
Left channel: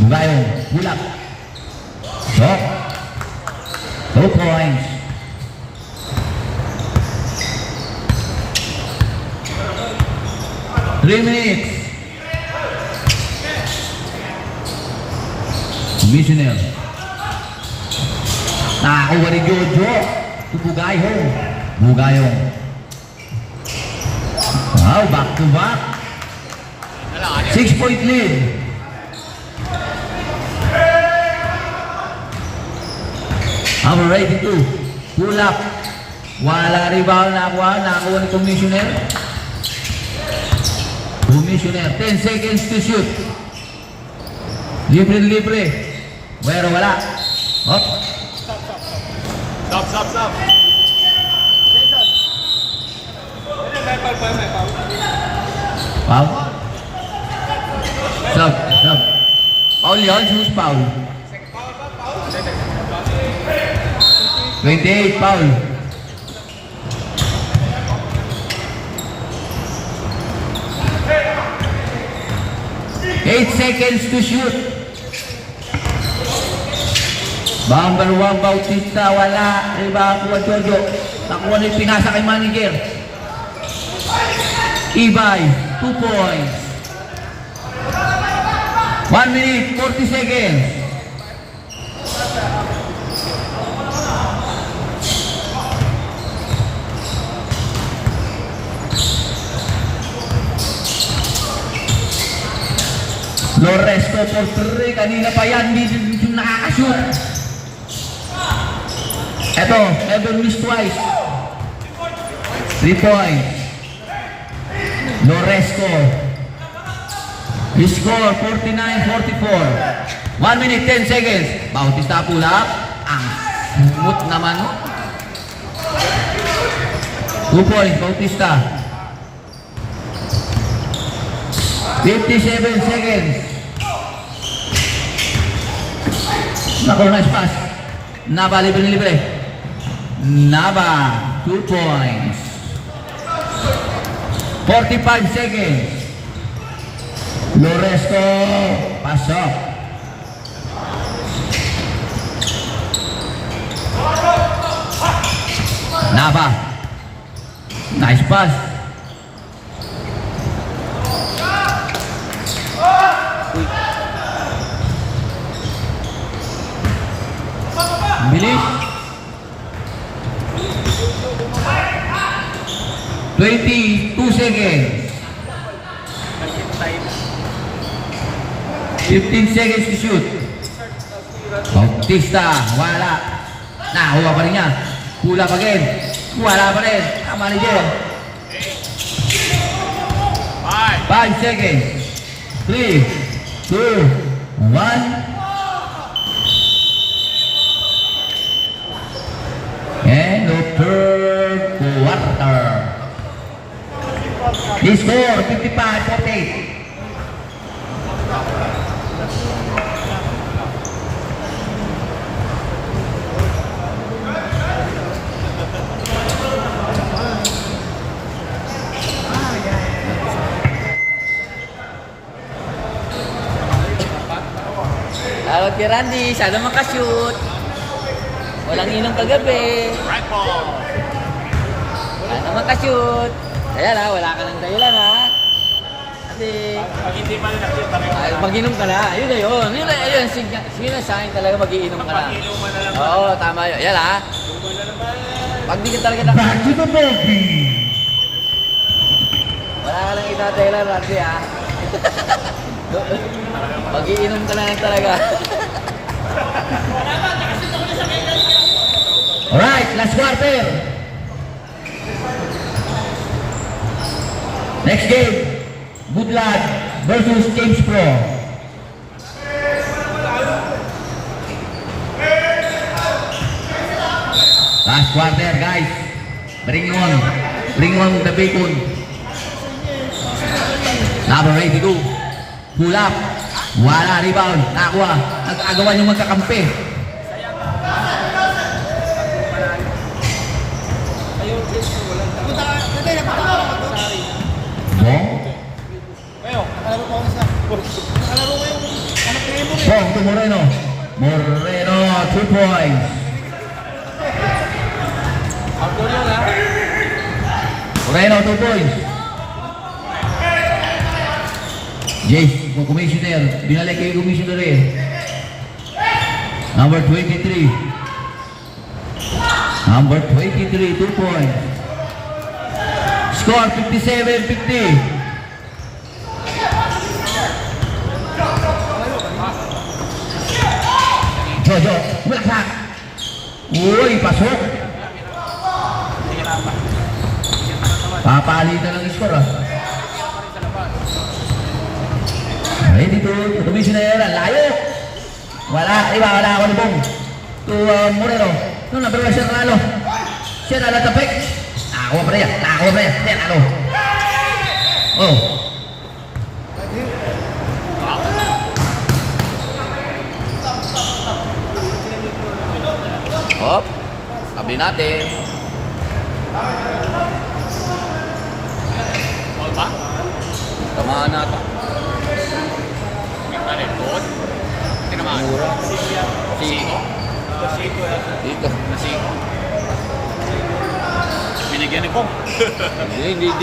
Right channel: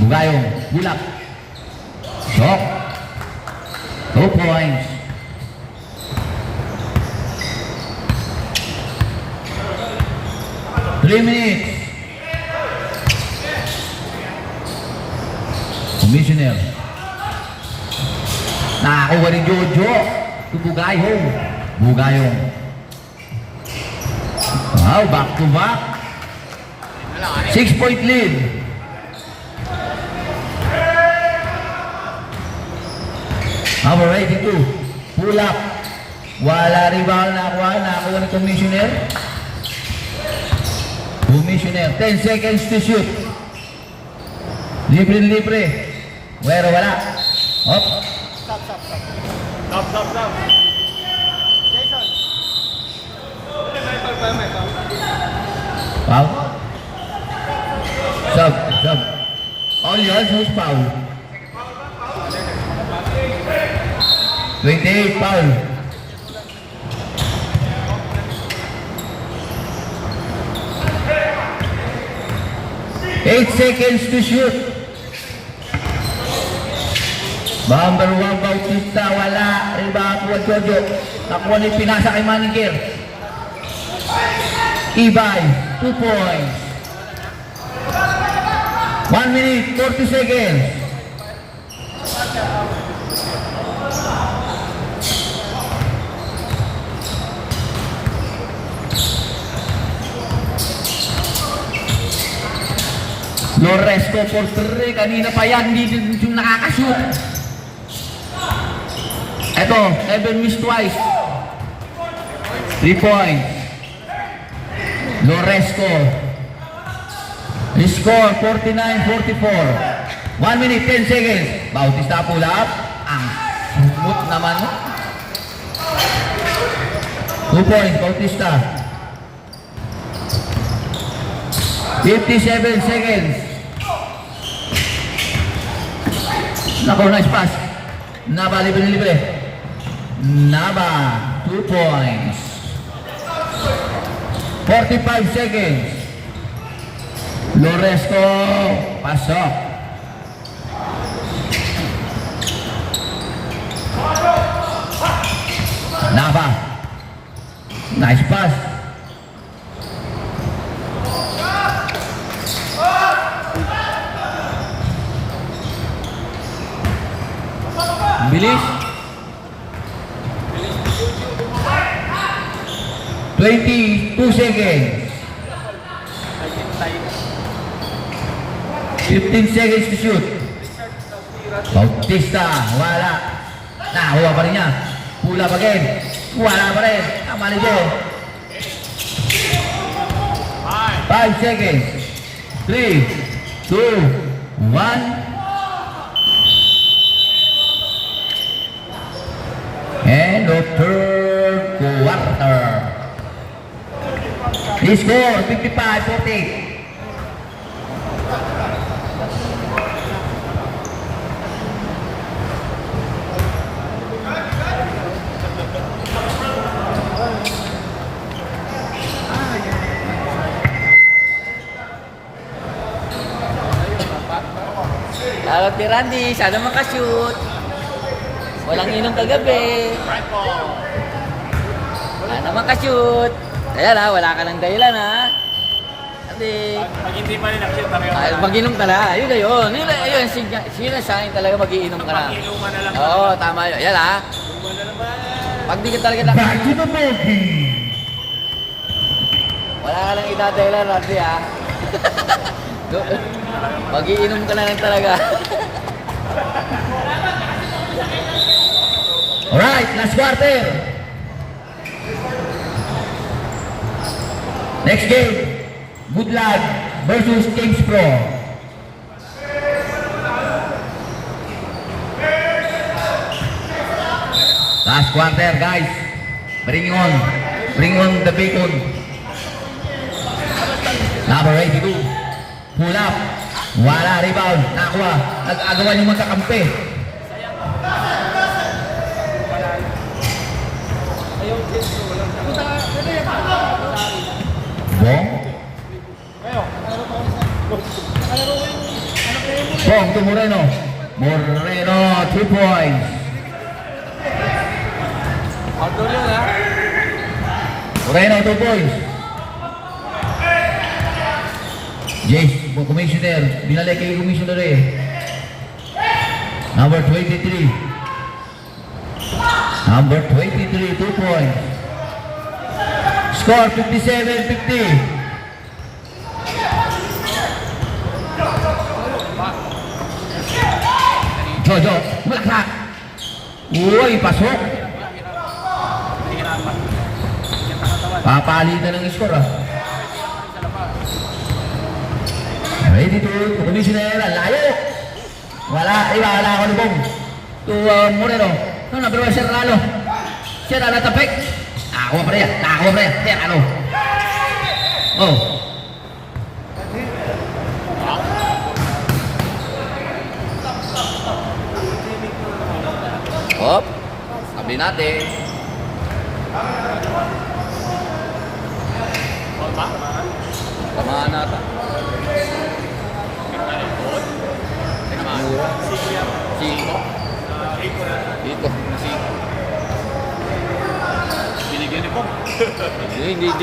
Magayong, bulak. Sok. 2 points. Three minutes. Commissioner. Nakakuha ni Jojo. Bugayong. Wow, back to back. 6-point lead. Number 82. Pull up. Wala rebound nakuha ni Commissioner. 10 seconds to shoot. Libre. Pero wala. Hop. Stop. Foul. Sub. Foul yun. Who's foul? 28 foul. Eight seconds to shoot. Number 1 Bautista, wala. Rebound kuha Jojo. Nakuha ni pinasa kay manager. Ibay, 2 points. 1 minute, 40 seconds. Loresco for 3. Kanina pa yan, hindi nakakashoot. Eto, never miss twice. 3 points. Loresco. Score 49-44. 1 minute, 10 seconds. Bautista pull up. Ang smooth naman. 2 points, Bautista. 57 seconds. Naku, nice pass. Naba, libre. Naba, 2 points. 45 seconds. Loresco, pasok. Naba. Nice pass. Bilis. 22 seconds. 15 seconds to shoot. Bautista, wala. Nakuha pa rin niya. Pula pa rin. Wala pa rin. Ang manager. 5 seconds. 3, 2, 1. And the third quarter. The score 55-48. Tawag kay Randy, sana makashoot. Walang inom kagabi. Sana makashoot. Kaya na, wala ka ng dahilan ha. Ate. Hindi pa rin nakita Ay, mag-inom ka na. Ayun na yun. Ayun, sige sa akin talaga mag-iinom ka na. Oo, tama yun. Yan ha. Pag di ka talaga Back to the ballgame. wala ka lang itadahilan, Randy ha. Mag-iinom ka na yan talaga. Alright, last quarter. Next game, Goodlad versus James Pro. Last quarter, guys. Bring on the bacon. Number 82. Pull up. Wala, rebound. Nakuha. Nag-agawan yung magkakampi. Bong. Bong to Moreno. Moreno, 2 points. Moreno, 2 points. Jace, commissioner. Binalik kay commissioner eh. Number 23. Number 23, 2 points. Score 57-50. Jojo, bulaklak. Uy, pasok. Papalitan ng score ah. Ay, dito, commissioner, layo. Wala ako ni Bong. To Moreno. No, pero siya nalo. Siya nalo tapik. Ako pa rin. Siya nalo. Oh. Hop. Sabi natin. Tamaan nata. Mura. Dito. Binigyan ni Pong. Hindi.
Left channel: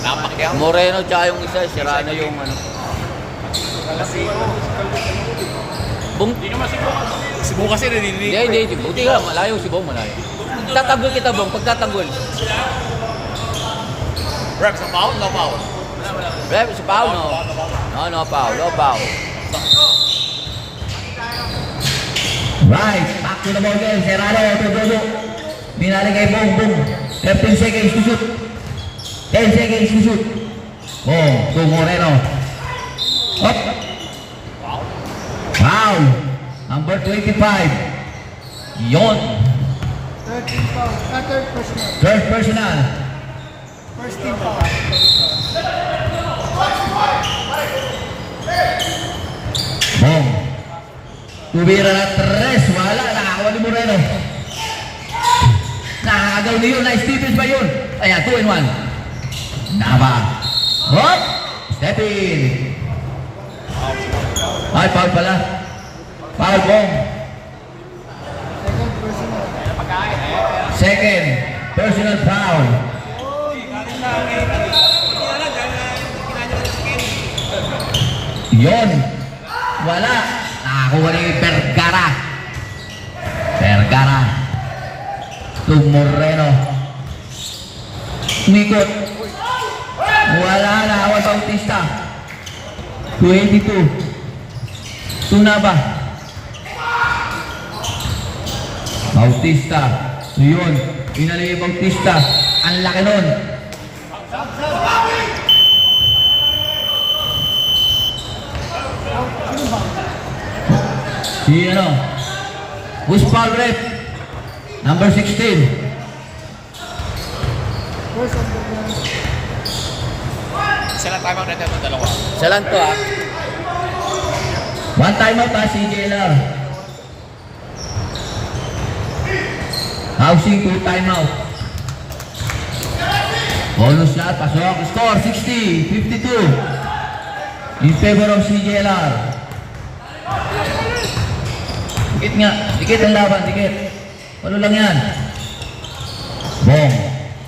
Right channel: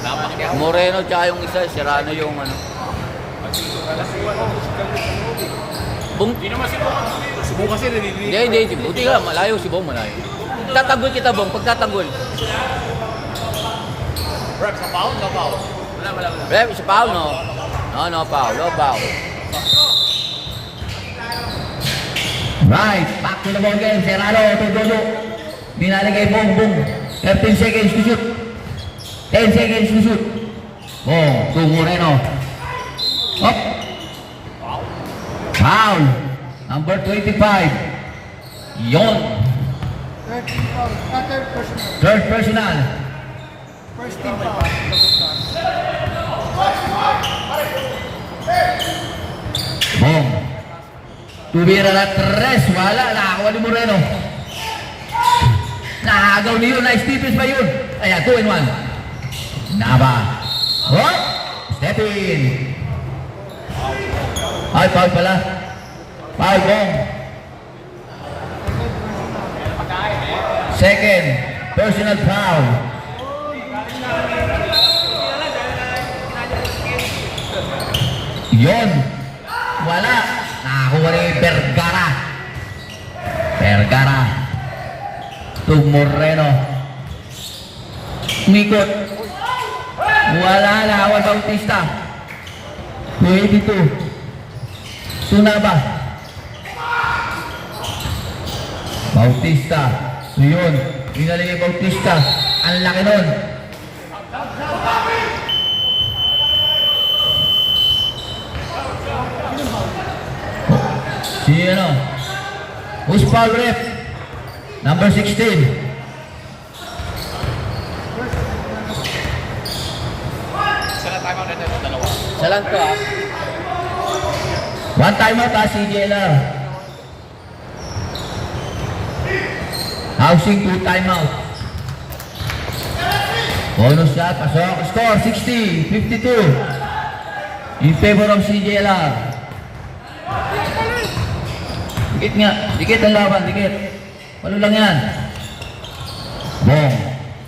Napakyaw. Moreno tsaka yung isa, Serrano yung ano. Bung. Hindi naman si Pong. Si Pong kasi narinig. Hindi. Buti ka, malayo si Bong, malayo. Tatanggol kita, Bong, pagtatanggol. Rep sa foul, no foul. Rep, si Paul, no? No, Paul, no, Paul. Right, back to the ball game. Serrano, Tododo. Binalik kay Bong. 13 seconds to shoot. 10 seconds to shoot. Oh, to Moreno. Up. Foul. Number 25. Yon. 13 foul. Third personal. Third personal. First team foul. Bong. Tubira na 3. Wala. Nakakuha ni Moreno. Nakagaw ni yun. Nice defense ba yun? Ayan, 2 and 1. Naba. Hop. Step in. Ay, foul pala. Foul, Bong. Second. Personal foul. Yon. Wala. Nakakuha ni Vergara. To Moreno. Umikot. Wala na. Awan Bautista. 22. Tunaba. Bautista. Yun. Pinali Bautista. Ang laki nun. Sino? Who's foul rep? Number 16. Saan tayo bang natin ito dalawa? Isa lang to, ah. One timeout ah, CJLR. Housing 2 timeout. Bonus shot, pasok. Score 60-52. In favor of CJLR. Dikit nga. Dikit ang laban. Dikit. Ano lang yan? Bong.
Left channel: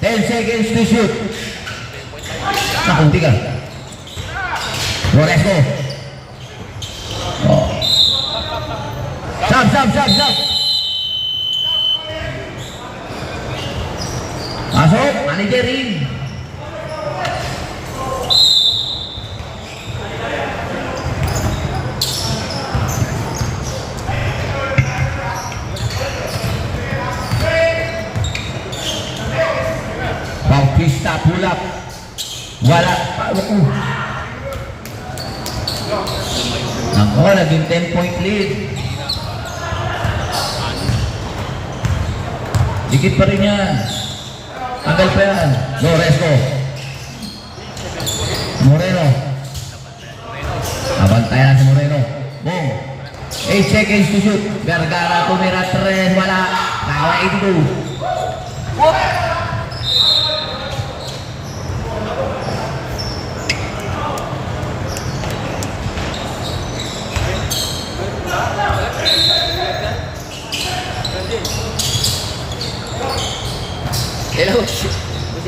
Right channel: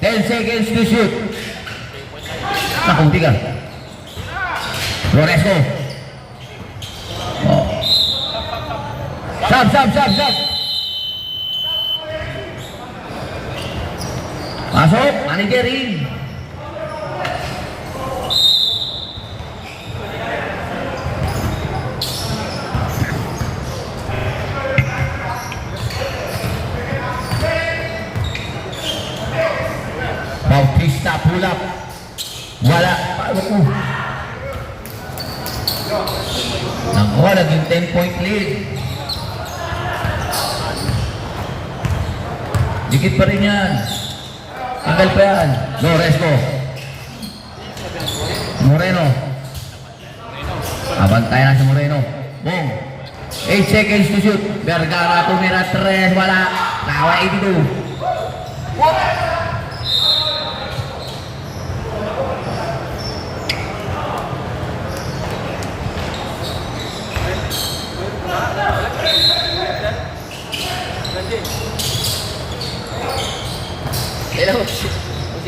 10 seconds to shoot. Nakunti ka. Loresco. Oh. Sab. Masuk. Manager in. block. Wala. Ako. Ako, naging 10-point lead. Dikit pa rin yan. Tanggal pa yan. Loresco. Moreno. Abantayan si Moreno. Boom. 8 seconds to shoot. Vergara tumira 3. Wala. Tawa 82. Hello, si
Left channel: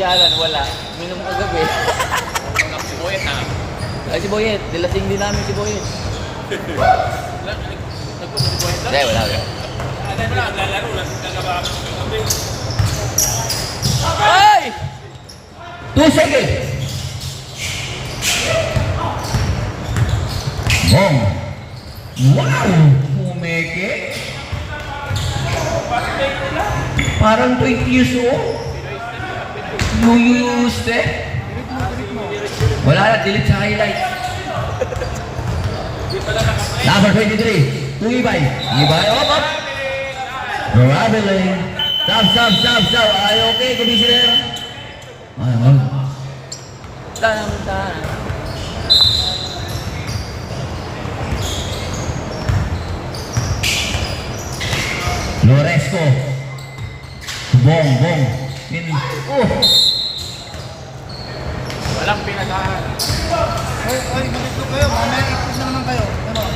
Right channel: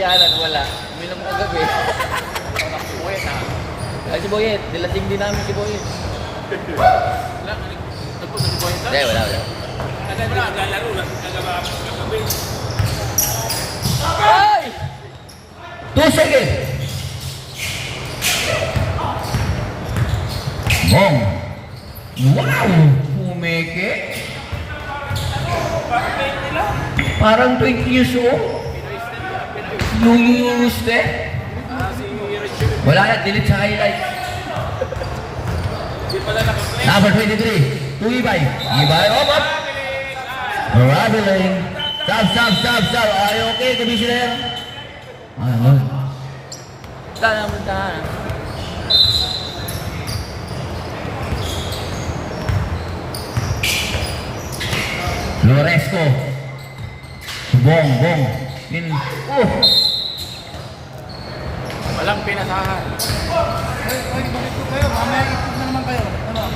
Alan, wala. Minum kagabi. Si Boyet ha. Ay, si Boyet. Dilasing din namin si Boyet. Hindi, wala. Ay! 2 seconds. Boom. Wow! Pumeke. Parang 20 years old. Nung step. Wala na, delete sa highlight. Number 23. Ibay. Ibay. Traveling. Stop. Ay, okay, commissioner. Ano? Tanang. Loresco. Bong. Walang pinasahan. Oy, malito kayo. Mamaya ikot na naman kayo. Ano?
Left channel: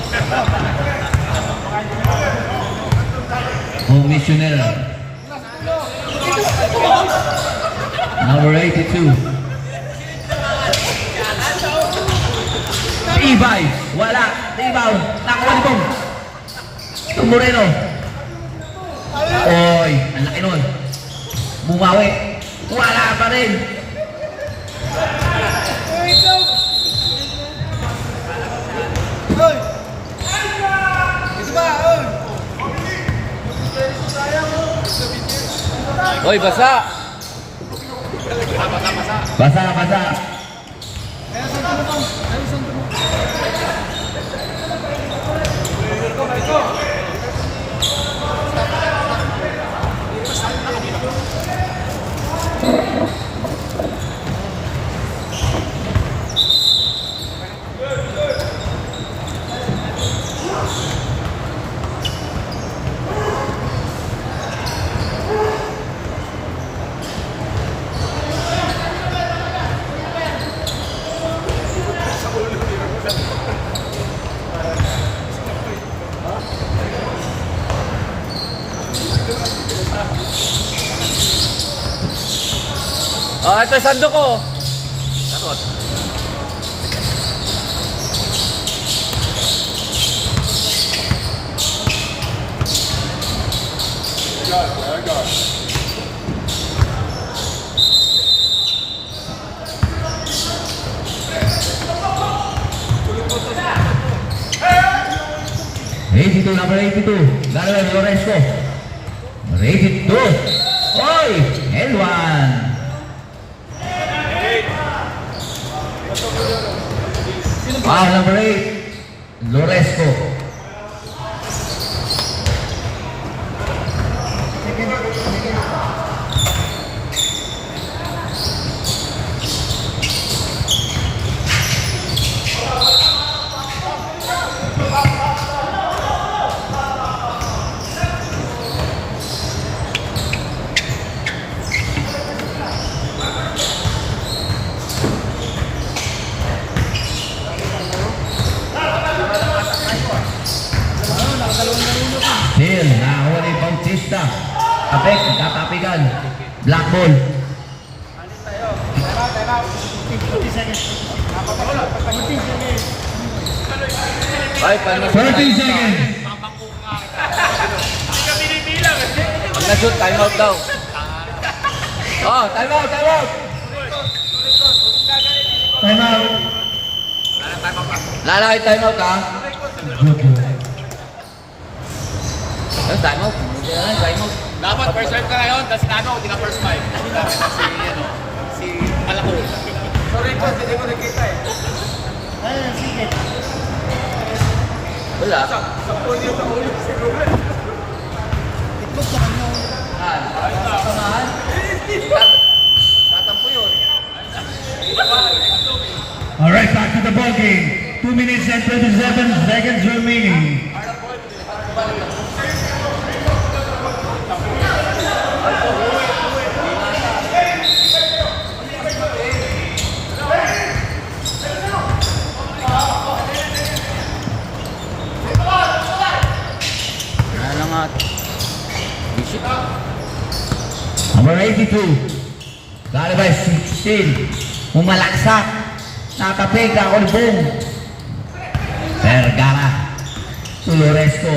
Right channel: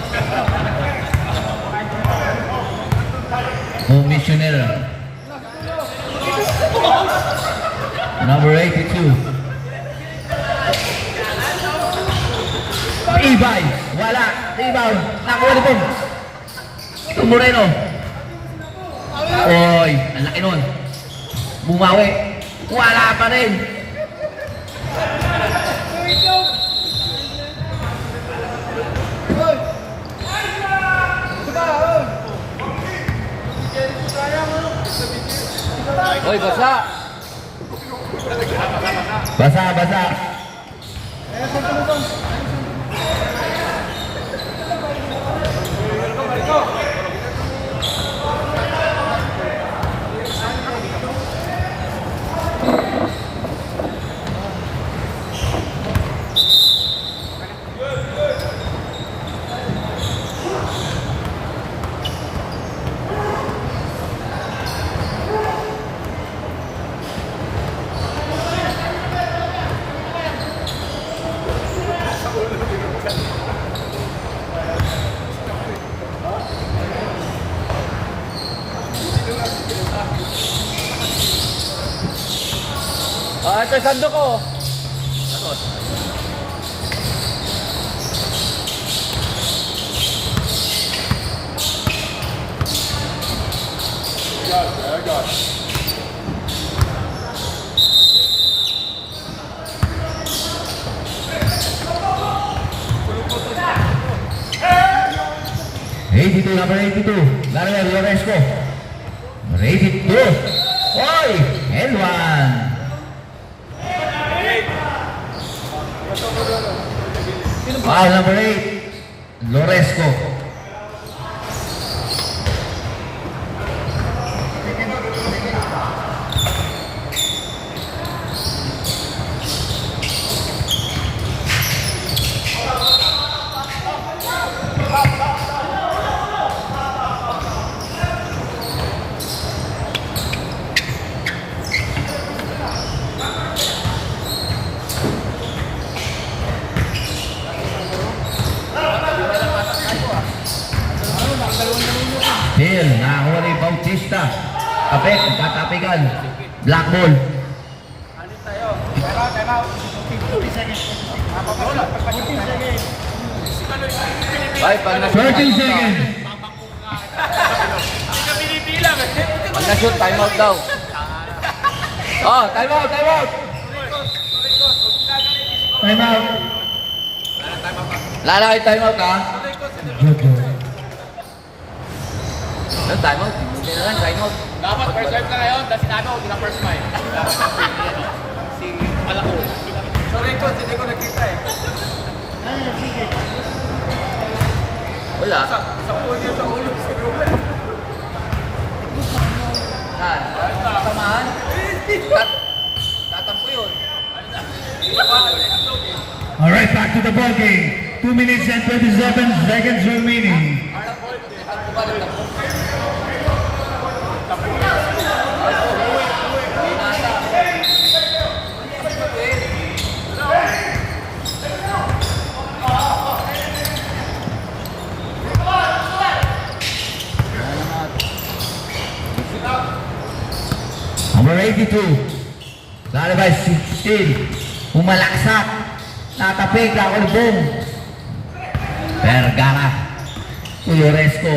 Commissioner. Number 82. Ibay. Wala. Ibaw. Nakawala din. Moreno. Oy, ang laki nun. Bumawi. Wala pa rin. Hoy, basa! Basa. Oh, ito sando ko. Number 82. Gano'n Loresco. 82. Oy! And one. Number 8. Loresco. Hill, nakakuha ni Bautista. Kapek, katapigan. Black ball. Ay, pag 30 seconds. Pag na-shoot, time out daw. Oh, time out. Time out. Lala kayo time out, ha? Ano, time out? Hindi na lang, time out. Dapat first serve ka ngayon, tapos ano, hindi na first five. Dapat na si Malako. Wala. Samahan? Tatampo yun. Alright, back to the ball game. 2 minutes and 27 seconds remaining. Salamat. Bisip. Number 82. Lalabay 16. Umalaksak. Nakapig na Olbong. Vergara. To Loresco.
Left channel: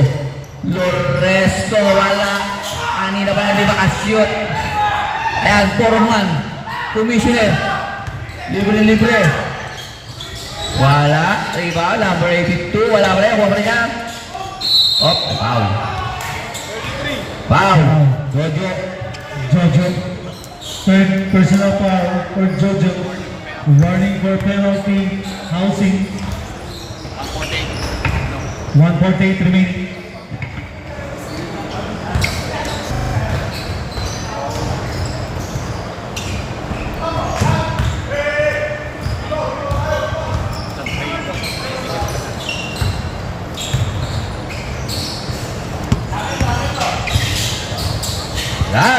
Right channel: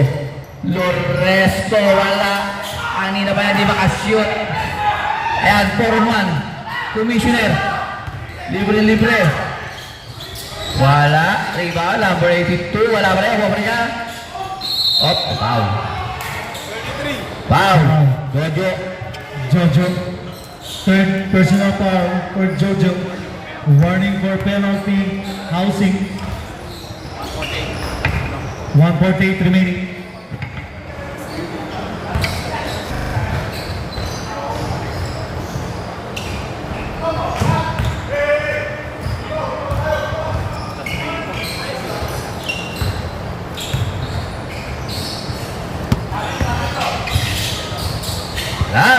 Loresco wala. Ani na ba yan di makashoot. Ayan, Foreman. Commissioner. Libre. Wala. Diba? Number 82. Wala ba yan? Wala ba yan? Op. Foul. Foul. Jojo. Third personal foul for Jojo. Warning for penalty. Housing. 1:48 remaining.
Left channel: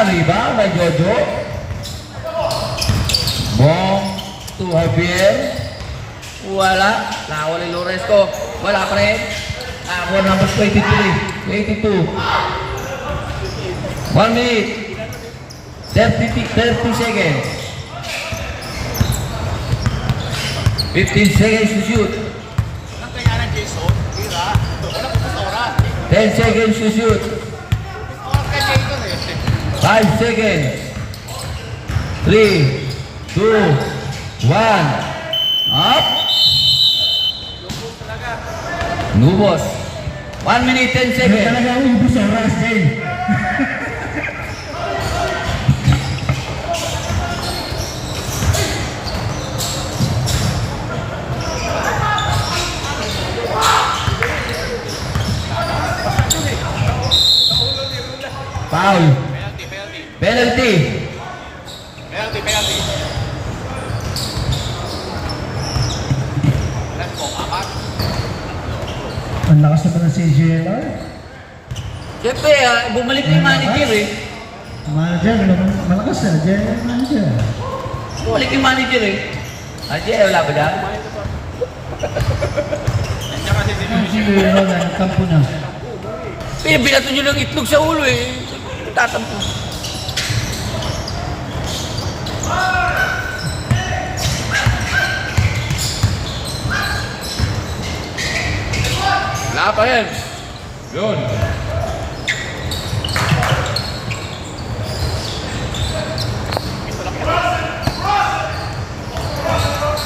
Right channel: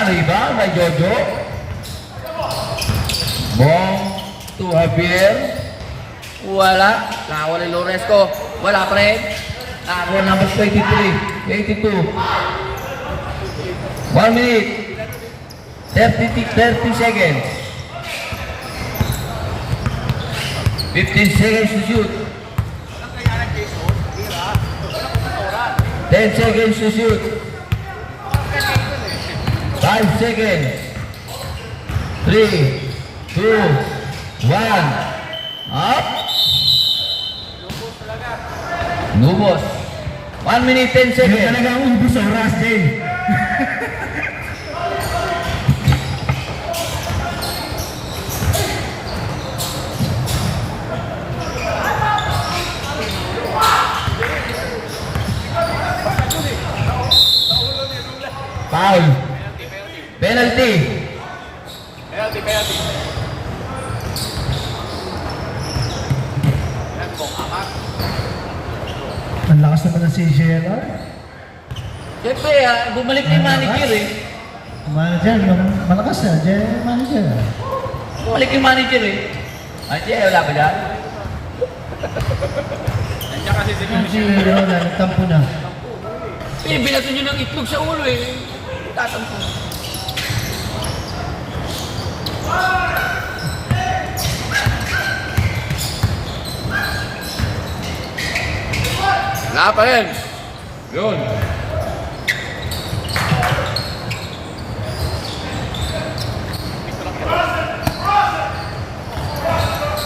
Iba, may Jojo. Bong to Javier. Wala. Nakawala yung Lorenzo. Wala pa rin. For number 23. 82. 1 minute. 30 seconds. 15 seconds to shoot. 10 seconds to shoot. 5 seconds. 3, 2, 1. Up. Nubos. 1 minute 10 seconds. Talaga ubus sa oras, Dave. Foul. Penalty. Ang lakas naman ng CJLR. Siyempre, bumalik na yung manager eh. Manager, malakas na. Manager. Bumalik yung manager eh. Wala ba dyan? Hindi, nagtampo na. Eh, binato nyo lang itlog sa ulo eh. Tatampo. Wala pa rin. Yun.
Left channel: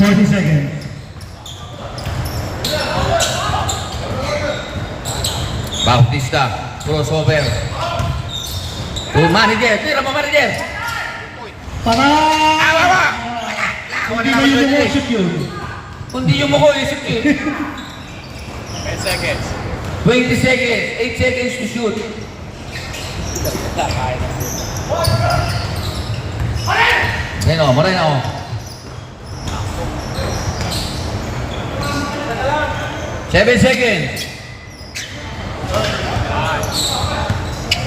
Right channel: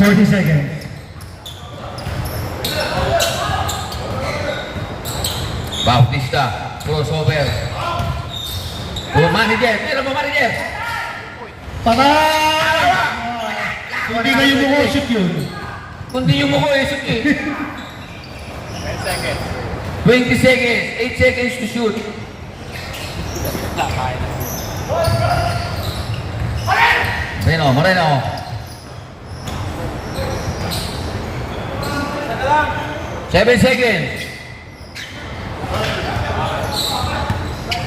Thirty seconds. Bautista. Crossover. Manager. Tira mo manager. Hindi ba yun yung worship yun? Kundi yung mukha eh, sige. 20 seconds. 8 seconds to shoot. Moreno. 7 seconds.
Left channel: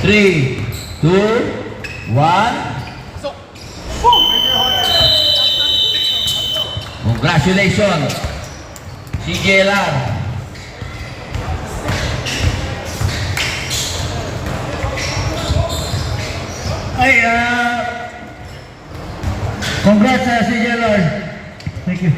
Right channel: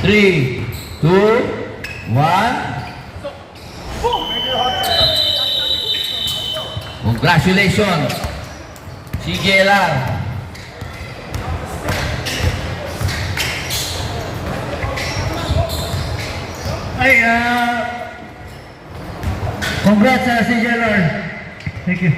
3, 2, 1. Congratulations, CJLR. Congrats sa CJLR. Thank you.